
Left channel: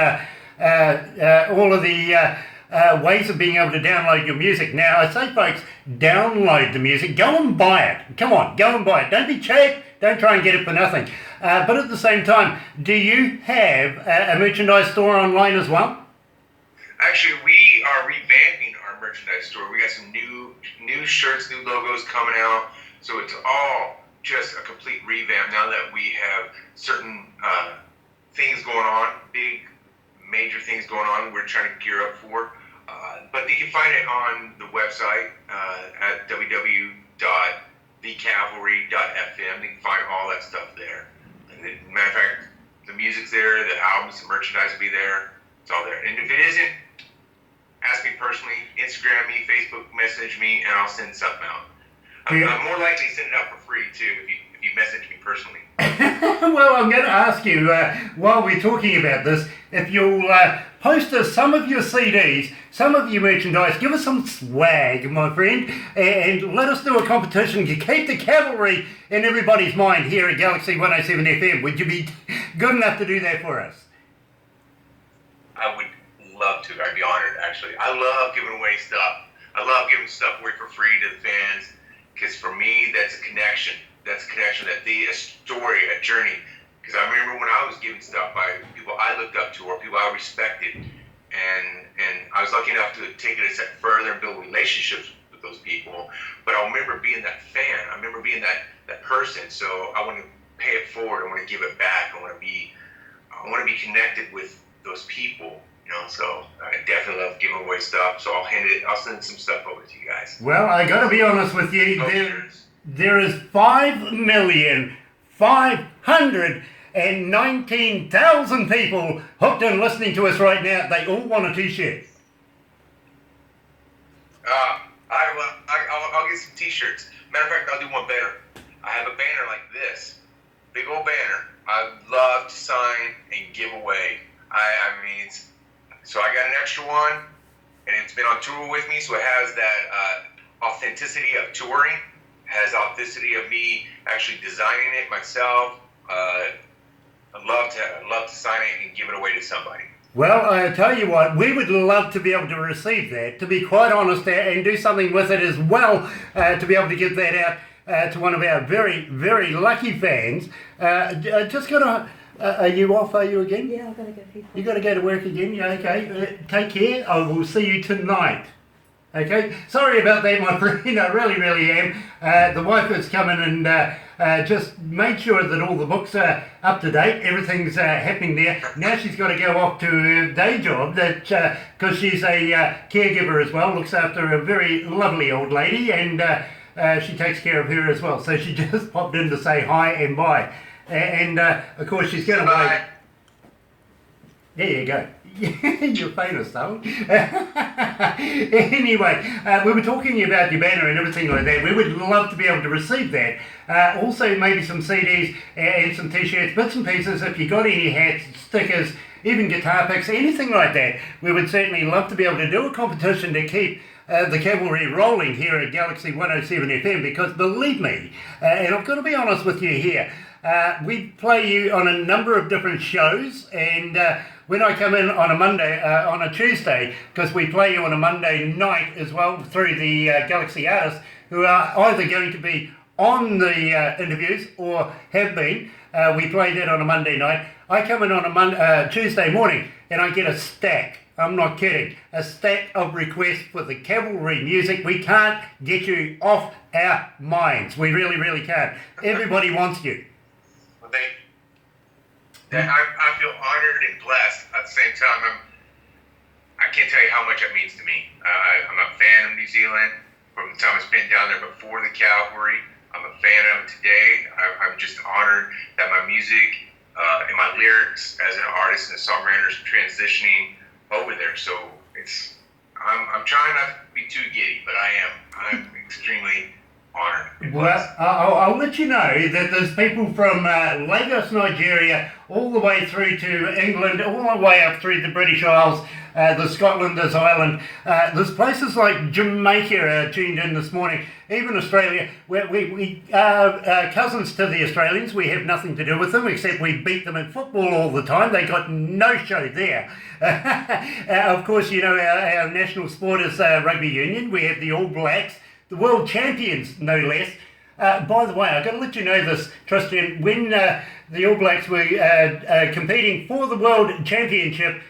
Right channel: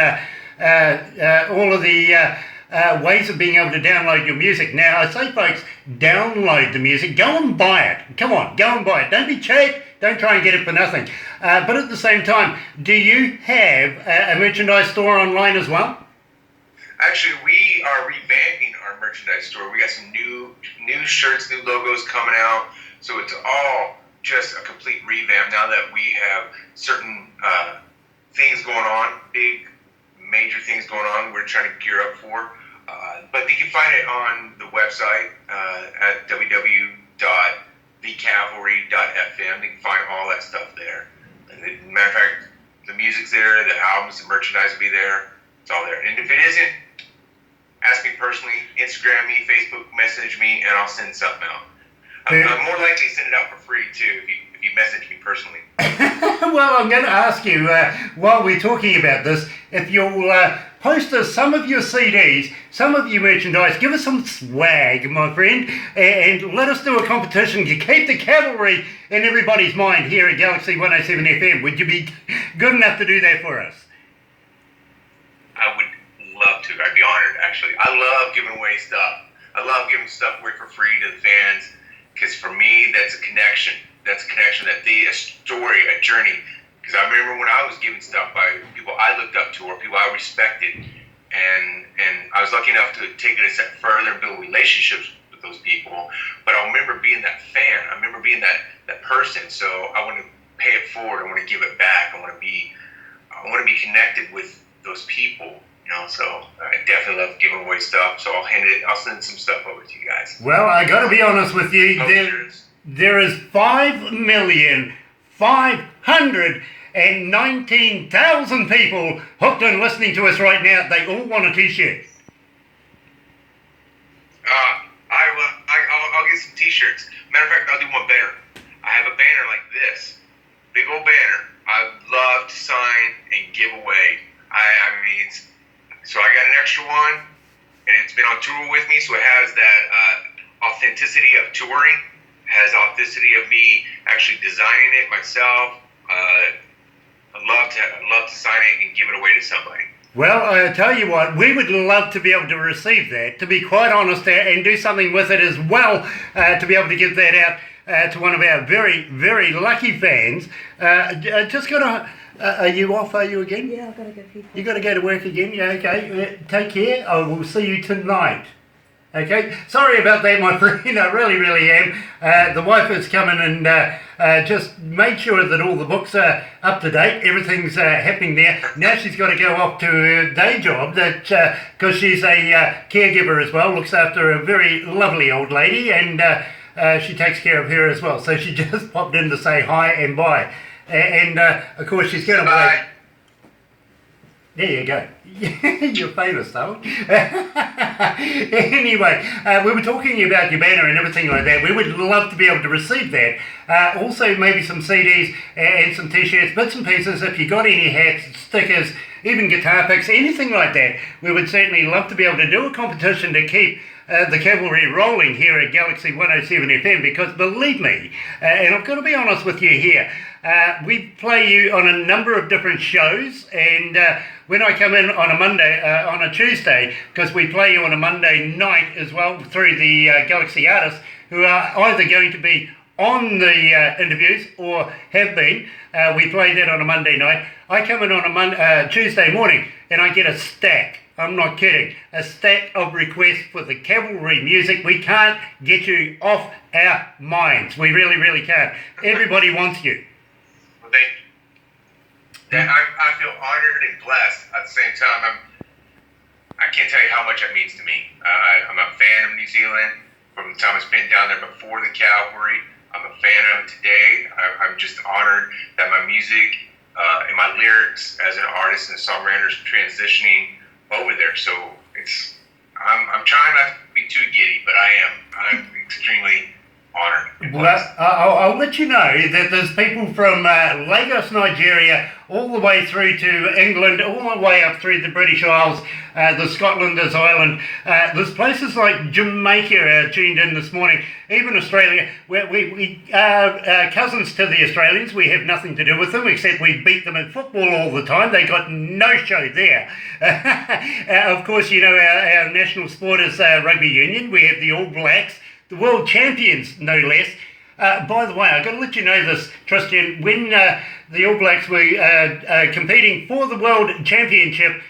all of the ways of being able to download your music. Now, I say, folks, download the music. Go and buy it. Come on, go and buy it. Don't be cheap. Don't try and get it for nothing. But at the same time, do you have a merchandise store online as well? Actually, we are revamping our merchandise store. We got some new shirts, new logos coming out. So it's all just a complete revamp now that we have certain things going on, big, major things going on we're trying to gear up for. But you can find it on the website at www.thecavalry.fm. You can find all that stuff there. And matter of fact, the music's there, the albums, the merchandise will be there. It's all there. And if it isn't, ask me personally, Instagram me, Facebook message me, and I'll send something out. I'm more likely to send it out for free, too, if you message me personally. Well, I'm going to ask you, while we're talking about this, if you'll post us some of your CDs, some of your merchandise, give us some swag, my friend, and let us do a competition to keep the Cavalry in everybody's mind here at Galaxy 107 FM. Would you be good enough to do that for us? I would love love to. I'd be honored, actually. I love giving away stuff. I love giving stuff away for free to the fans, because for me, that's a connection. That's a connection, a story, a journey. Because I remember when I was giving stuff by people I looked up to or people I respected, and I was lucky enough to take it a step further and build relationships with those people. But I remember being that fan. I remember being that person. So I want to pay it forward. I want to give it back. I want to be connected with those people. So I definitely love giving away stuff. So I'll send some stuff over to you guys. Well, I got to be honest with you. There is 5,519,000 people hooked and listening to us right now. They all want a T-shirt. I'll get some T-shirts. Matter of fact, I'll do one better. I have a banner like this, big old banner. I love to sign and give away. So I got an extra one, and it's been on tour with me, so it has that authenticity of touring. It has authenticity of me actually designing it myself. I'd love to sign it and give it away to somebody. Well, I tell you what, we would love to be able to receive that, to be quite honest, and do something with it as well, to be able to give that out to one of our very, very lucky fans. Just got to... are you off, are you again? Yeah, I've got to go people. You got to go to work again? Yeah, okay. Take care. I will see you tonight. Okay? Sorry about that, my friend. I really, really am. The wife has come in and just made sure that all the books are up to date. Everything's happening there. Now she's got to go off to her day job, because she's a caregiver as well, looks after a very lovely old lady, and she takes care of her as well. So she just popped in to say hi and bye. And of course she's going to wait. There you go. You're famous, though. Anyway, we were talking about your banner and everything like that. We would love to be able to receive that. Also, maybe some CDs and some T-shirts, bits and pieces. If you got any hats, stickers, even guitar picks, anything like that, we would certainly love to be able to do a competition to keep the Cavalry rolling here at Galaxy 107 FM, because believe me, and I've got to be honest with you here, we play you on a number of different shows, and when I come in on a Monday, on a Tuesday, because we play you on a Monday night as well through the Galaxy artists who are either going to be on the interviews or have been, we play that on a Monday night. I come in on a Tuesday morning and I get a stack. I'm not kidding. A stack of requests for the Cavalry music. We can't get you off our minds. We really, really can't. Everybody wants you. Well, thank you. I feel honored and blessed at the same time. I can't tell you how much that means to me. I'm a fan of New Zealand from the time I spent down there before the Cavalry. I'm a fan of them today. I'm just honored that my music and my lyrics as an artist and a songwriter is transitioning over there. So I'm trying not to be too giddy, but I'm extremely honored. Well, I'll let you know that there's people from Lagos, Nigeria, all the way through to England, all the way up through the British Isles, the Scotlanders Island. There's places like Jamaica tuned in this morning, even Australia. We are cousins to the Australians. We have nothing to do with them, except we beat them in football all the time. They got no show there. Of course, you know, our national sport is rugby union. We have the All Blacks, the world champions, no less. By the way, I've got to let you know this, Tristan, when the All Blacks were competing for the World Championship,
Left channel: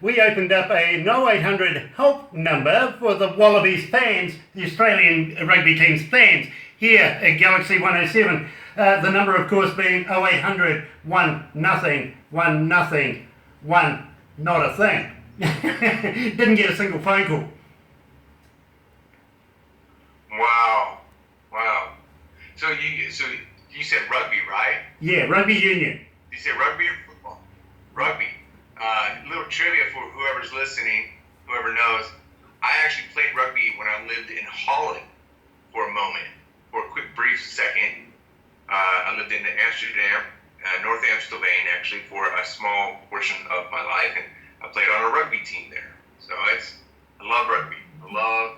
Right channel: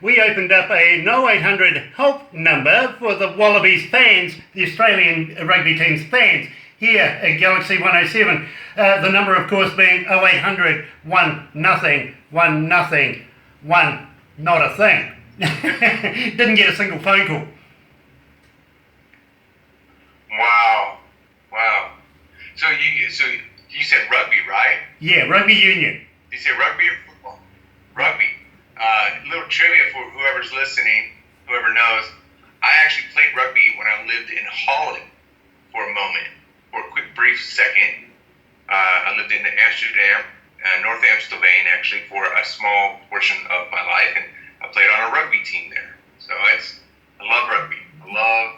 we opened up a 0800 help number for the Wallabies fans, the Australian rugby team's fans, here at Galaxy 107. The number, of course, being 0800 1 0 1 0 1, not a thing. Didn't get a single phone call. Wow. So you said rugby, right? Yeah, rugby union. You said rugby or football? Rugby. Little trivia for whoever's listening, whoever knows. I actually played rugby when I lived in Holland for a moment, for a quick brief second. I lived in Amsterdam, North Amsterdam actually, for a small portion of my life, and I played on a rugby team there. So I love rugby. Love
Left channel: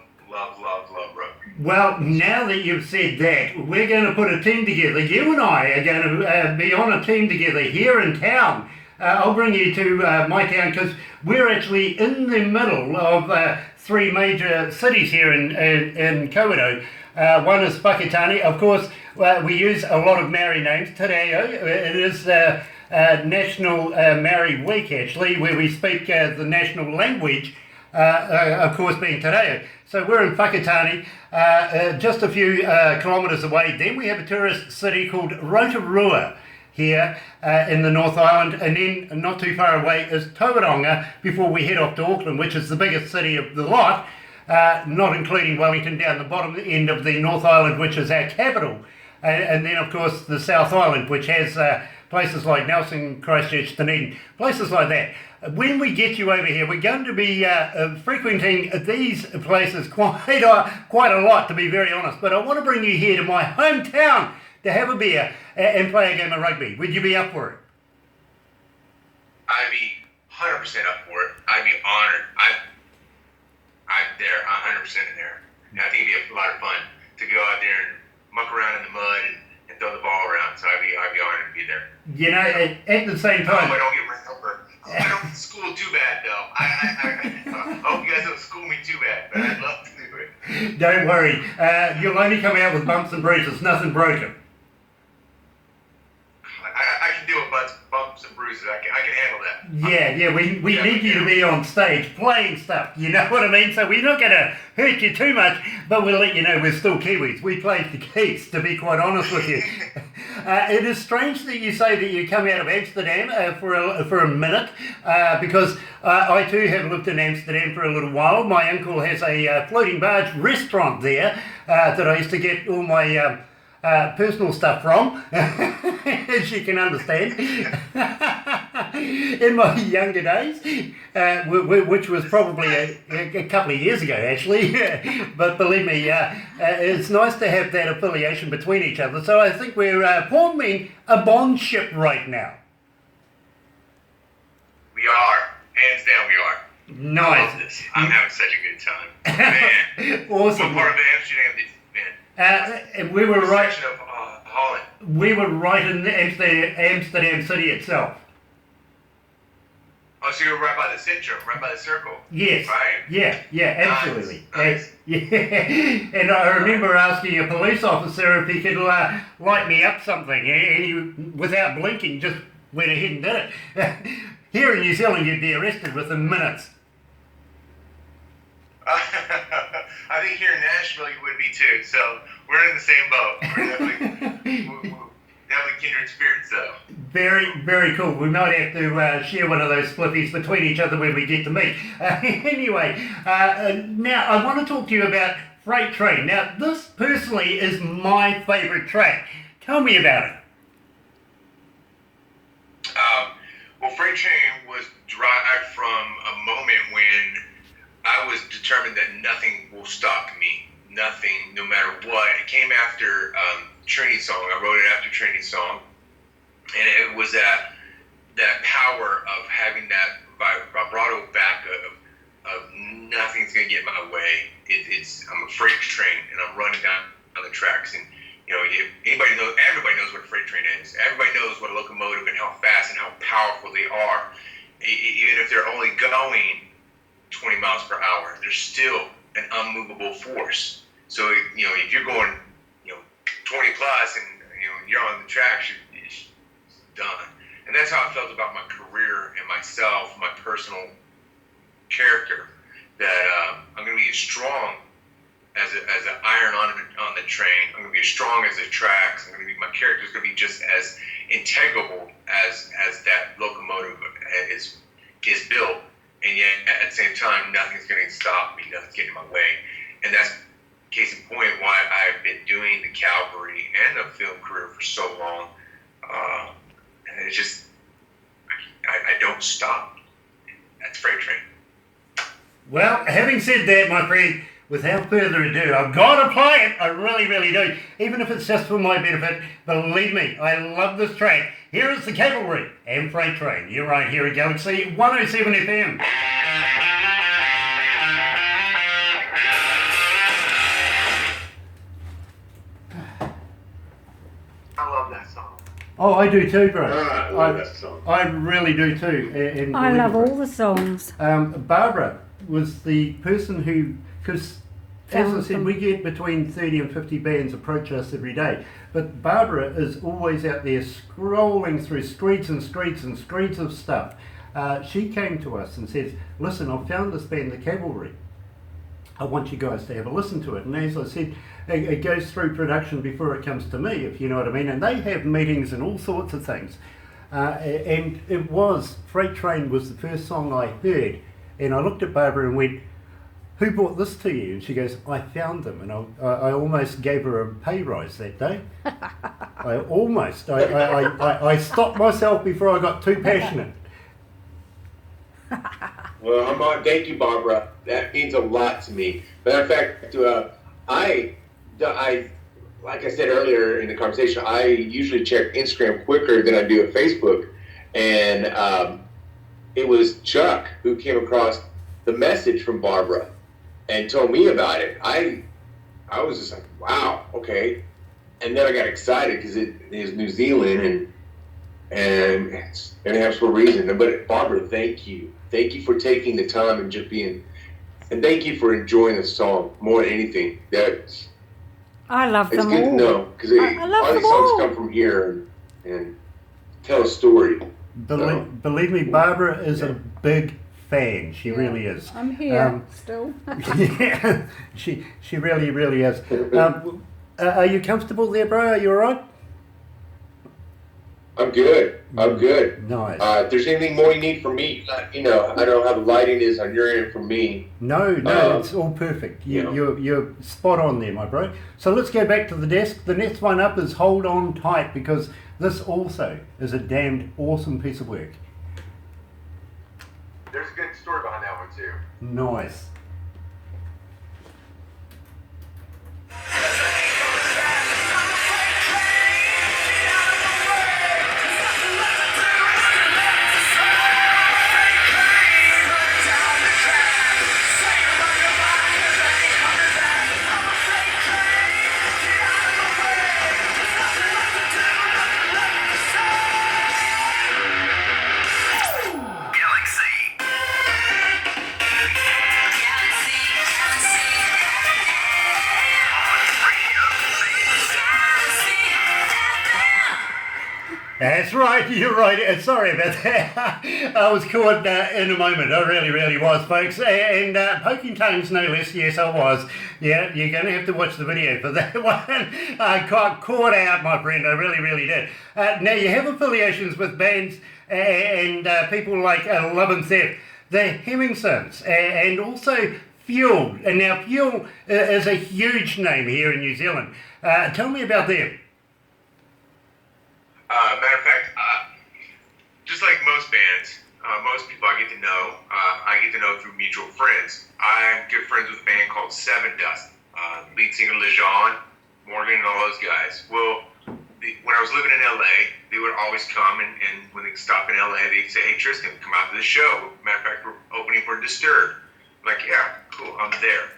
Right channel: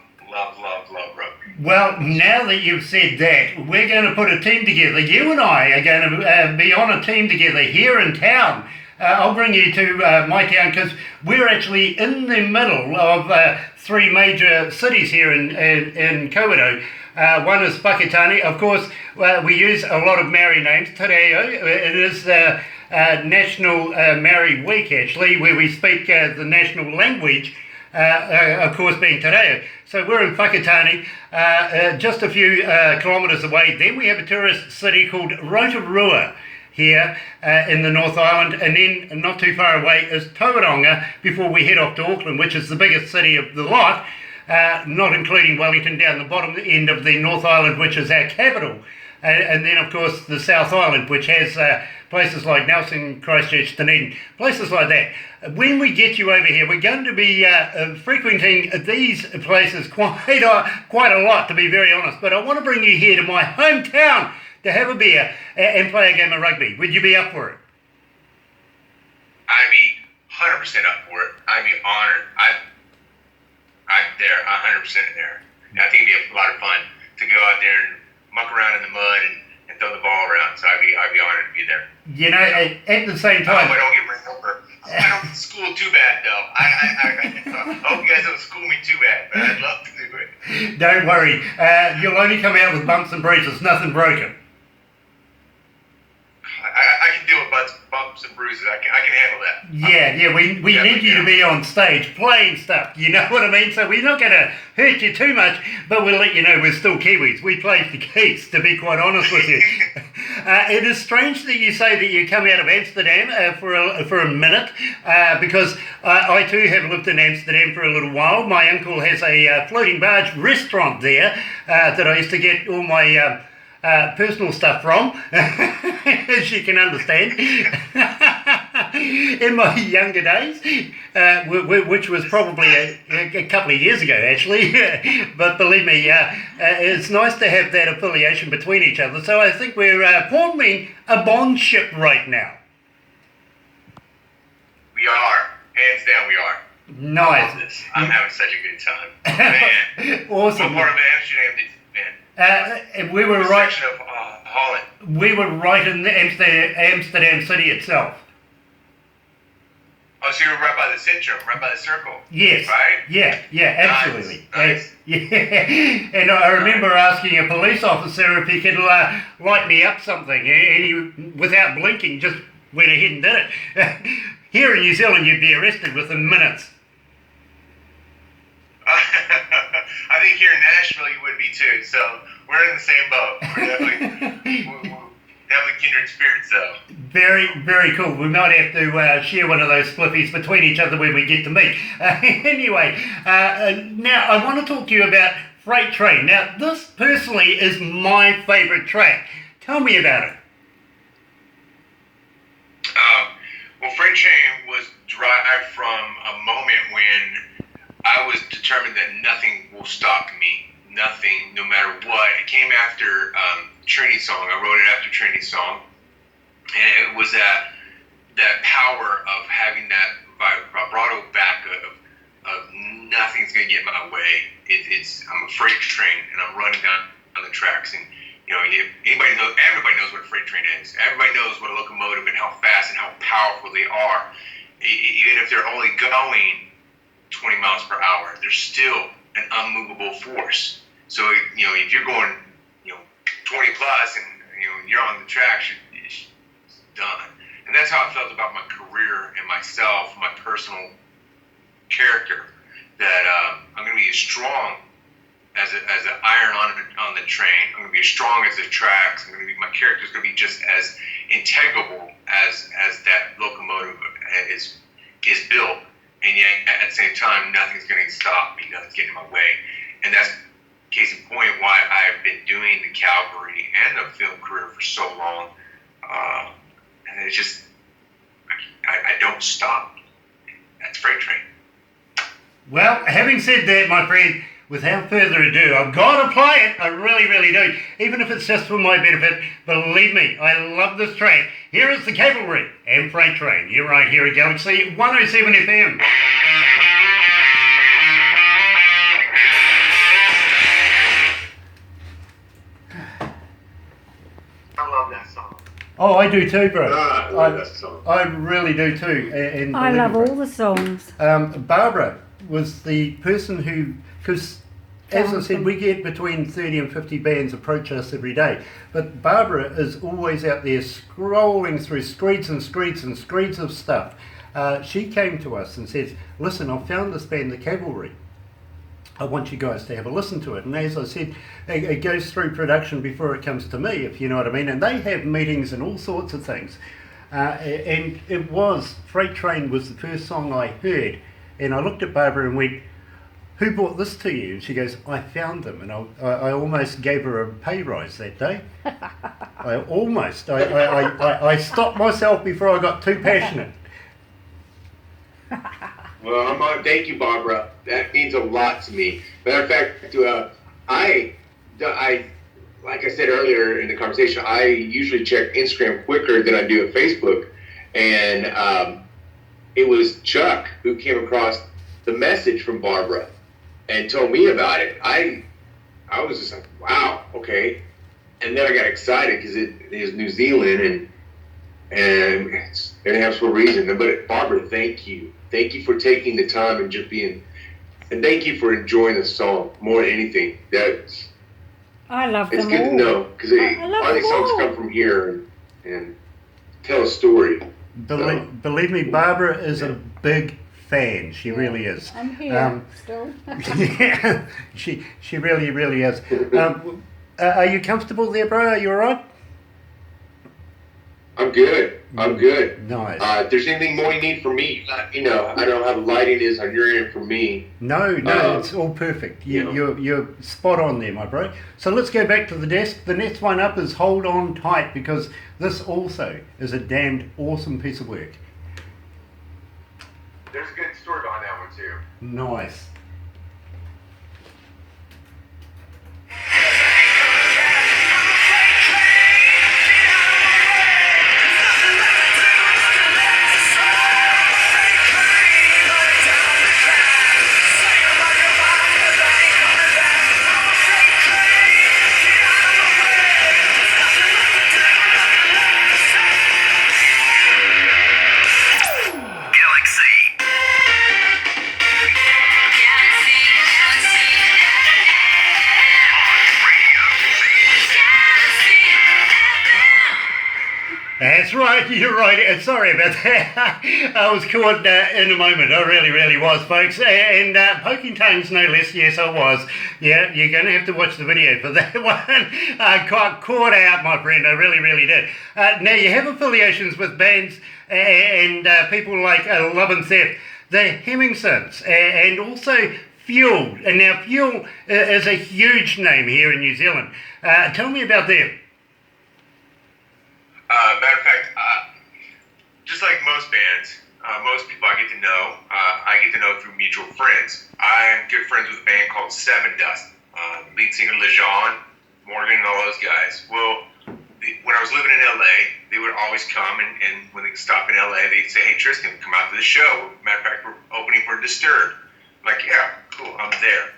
rugby. Well, now that you've said that, we're going to put a team together. You and I are going to be on a team together here in town. I'll bring you to my town because we're actually in the middle of three major cities here in Kawerau. One is Whakatane. Of course, we use a lot of Maori names. Te Reo, it is National Maori Week, actually, where we speak the national language, of course, being Te Reo. So we're in Whakatane, just a few kilometres away. Then we have a tourist city called Rotorua here in the North Island, and then not too far away is Tauranga before we head off to Auckland, which is the biggest city of the lot, not including Wellington down the bottom end of the North Island, which is our capital. And then, of course, the South Island, which has places like Nelson, Christchurch, Dunedin, places like that. When we get you over here, we're going to be frequenting these places quite a lot, to be very honest. But I want to bring you here to my hometown to have a beer and play a game of rugby. Would you be up for it? I'd be 100% up for it. I'd be honored. I'm there, 100% there. And I think it'd be a lot of fun to go out there and muck around in the mud and throw the ball around. So I'd be honored to be there. You know, at the same time. I don't get ran over. I don't school too bad though. I hope you guys don't school me too bad, but I'd love to do it. Don't worry. You'll only come out with bumps and bruises, nothing broken. I can deal with bumps and bruises. I can handle that. Yeah, we need you to be on stage playing stuff, you know what I mean? So we're not going to hurt you too much, but we'll let you know we're still Kiwis. We play the keys, to be quite honest with you. It is strange that you say that you come out of Amsterdam for a minute, because I too have lived in Amsterdam for a little while. My uncle has a floating barge restaurant there that I used to get all my personal stuff from, as you can understand. In my younger days, which was probably a couple of years ago actually, but believe me, it's nice to have that affiliation between each other. So I think we're forming a bondship right now. We are, hands down we are. Nice. I love this. I'm having such a good time. Man, awesome. what part of Amsterdam did you And we were right. Section of Holland. We were right in the Amsterdam city itself. Oh, so you were right by the centrum, right by the circle. Yes. Right? Yeah, absolutely. Nice. Yeah. And I remember asking a police officer if he could light me up something, and he, without blinking, just went ahead and did it. Here in New Zealand, you'd be arrested within minutes. I think here in Nashville you would be too. So we're in the same boat. We're definitely kindred spirits, though. Very, very cool. We might have to share one of those spliffies between each other when we get to meet. Anyway, now I want to talk to you about Freight Train. Now, this personally is my favourite track. Tell me about it. Well, Freight Train was derived from a moment when I was determined that nothing will stop me. Nothing, no matter what. It came after Trinity Song. I wrote it after Trinity Song. And it was that power of having that vibrato back of nothing's going to get in my way. I'm a freight train, and I'm running down the tracks. And, you know, everybody knows what a freight train is. Everybody knows what a locomotive and how fast and how powerful they are. Even if they're only going 20 miles per hour, they're still an unmovable force. So, you know, if you're going, 20 plus and, you're on the track, it's done. And that's how I felt about my career and myself, my personal character, that I'm going to be as strong as an iron on the train. I'm going to be as strong as the tracks. My character's going to be just as integral as that locomotive is built. And yet, at the same time, nothing's going to stop me. Nothing's getting in my way. And that's case in point why I've been doing the Cavalry and the film career for so long. And it's just, I don't stop. That's Freight Train. Well, having said that, my friend, without further ado, I've got to play it. I really, really do. Even if it's just for my benefit, believe me, I love this track. Here is the Cavalry and Freight Train. You're right here at Galaxy 107 FM. I love that song. Oh, I do too, bro. I love that song. I really do too. And I love all the songs. Barbara was the person who, because as I Found said, them. we get between 30 and 50 bands approach us every day. But Barbara is always out there scrolling through screeds and screeds and screeds of stuff. She came to us and says, listen, I've found this band, the Cavalry. I want you guys to have a listen to it. And as I said, it goes through production before it comes to me, if you know what I mean. And they have meetings and all sorts of things. And it was, Freight Train was the first song I heard. And I looked at Barbara and went, who brought this to you? And she goes, I found them. And I almost gave her a pay rise that day. I stopped myself before I got too passionate. Well, thank you, Barbara. That means a lot to me. Matter of fact, I, like I said earlier in the conversation, I usually check Instagram quicker than I do at Facebook. And it was Chuck who came across the message from Barbara and told me about it. I was just like, wow, okay. And then I got excited because it is New Zealand and it's going to have some reason. But Barbara, thank you. Thank you for taking the time and just being, and thank you for enjoying the song more than anything. I love It's them good all. to know because I love all these them songs all. come from here and tell a story. Believe me, Barbara is a big fan. She really is. I'm here still. Yeah, she really is. Are you comfortable there, bro? Are you all right? I'm good. I'm good. Nice. If there's anything more you need from me, let me know. I don't know how the lighting is on your end from me. No, it's all perfect. Yeah. You're spot on there, my bro. So let's go back to the desk. The next one up is Hold On Tight, because this also is a damned awesome piece of work. There's a good story behind that one too. Nice. That's right, you're right. Sorry about that. I was caught in a moment. I really was, folks. And poking tongues, no less. Yes, I was. Yeah, you're going to have to watch the video for that one. I got caught out, my friend. I really did. Now, you have affiliations with bands and people like Love and Sept, the Hemmingsons, and also Fuel. And now, Fuel is a huge name here in New Zealand. Tell me about them. Matter of fact, just like most bands, most people I get to know through mutual friends. I'm good friends with a band called Seven Dust. Lead singer Lejean, Morgan, and all those guys. Well, when I was living in LA, they would always come, and when they stop in LA, they'd say, "Hey, Tristan, come out to the show." Matter of fact, we're opening for Disturbed. I'm like, "Yeah, cool, I'm there."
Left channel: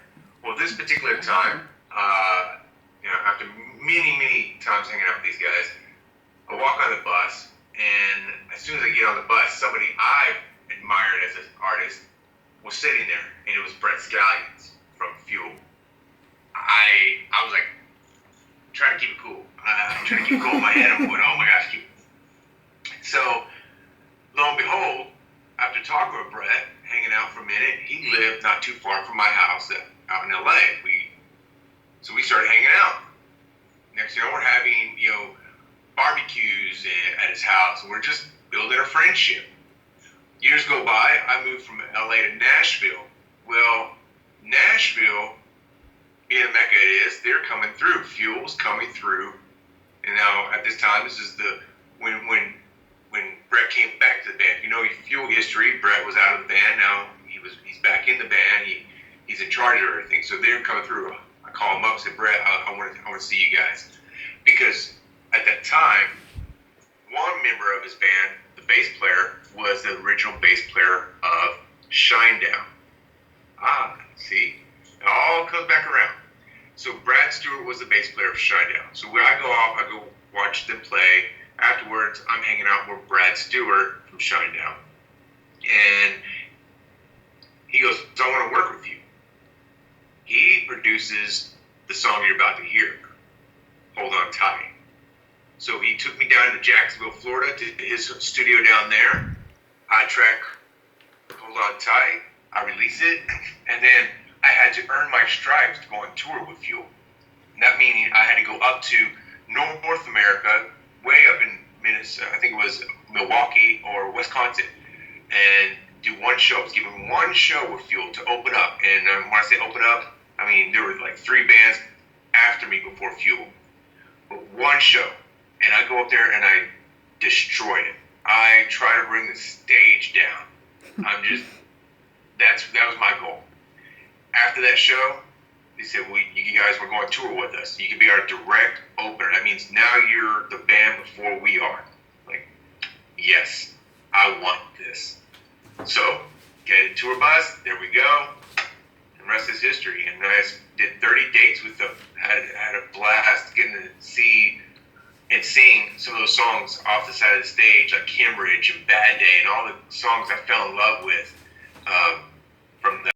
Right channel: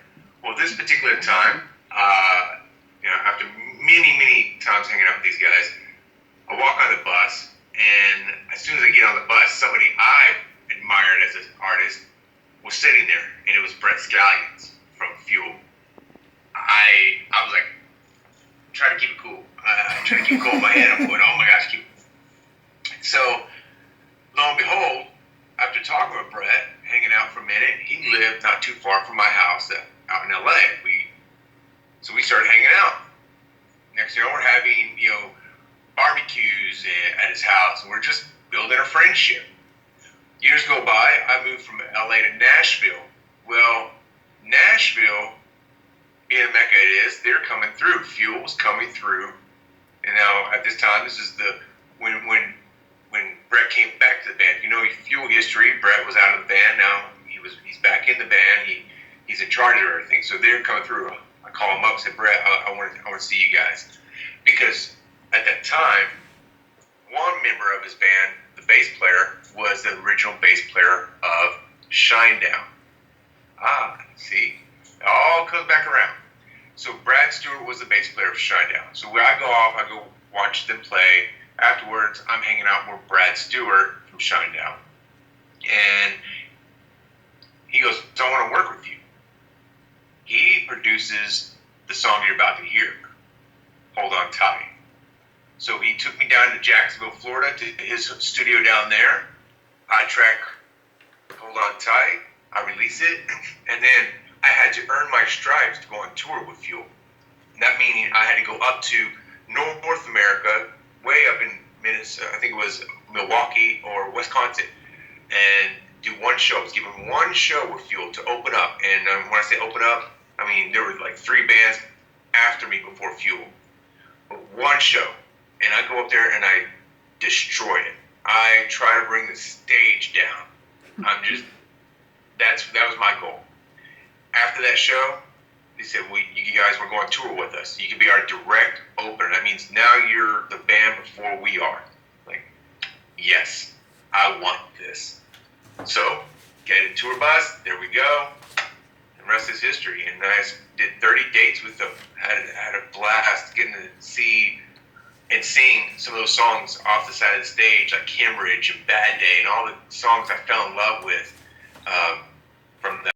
Well, this particular time, after many times hanging out with these guys, I walk on the bus, and as soon as I get on the bus, somebody I admired as an artist was sitting there, and it was Brett Scallions from Fuel. I was like, trying to keep it cool. I'm trying to keep it cool in my head. I'm going, oh my gosh, So, lo and behold, after talking with Brett, hanging out for a minute, he lived not too far from my house out in LA. So we started hanging out. Next thing you know, we're having, barbecues at his house, and we're just building a friendship. Years go by, I moved from LA to Nashville. Well, Nashville, being the Mecca it is, they're coming through. Fuel's coming through. And now at this time, this is when Brett came back to the band. Fuel history, Brett was out of the band. Now he's back in the band. He's in charge of everything. So they're coming through. I call him up and say, Brett, I want to see you guys. Because at that time, one member of his band, the bass player, was the original bass player of Shinedown. See? It all comes back around. So Brad Stewart was the bass player of Shinedown. So when I go off, I go watch them play afterwards, I'm hanging out with Brad Stewart from Shinedown. And he goes, so I want to work with you. He produces the song you're about to hear, Hold On Tight. So he took me down to Jacksonville, Florida, to his studio down there. I track Hold On Tight, I release it, and then I had to earn my stripes to go on tour with Fuel. And that meaning I had to go up to North America, way up in Minnesota, I think it was Milwaukee or Wisconsin, and do one show. I was given one show with Fuel to open up. And when I say open up, I mean there were like 3 bands after me before Fuel. But one show. And I go up there and I destroy it. I try to bring the stage down. That was my goal. After that show, they said, well, you guys were going on tour with us. You can be our direct opener. That means now you're the band before we are. Like, yes, I want this. So, get a tour bus, there we go. And the rest is history. And I did 30 dates with them. Had a blast getting to see and sing some of those songs off the side of the stage, like Cambridge and Bad Day, and all the songs I fell in love with from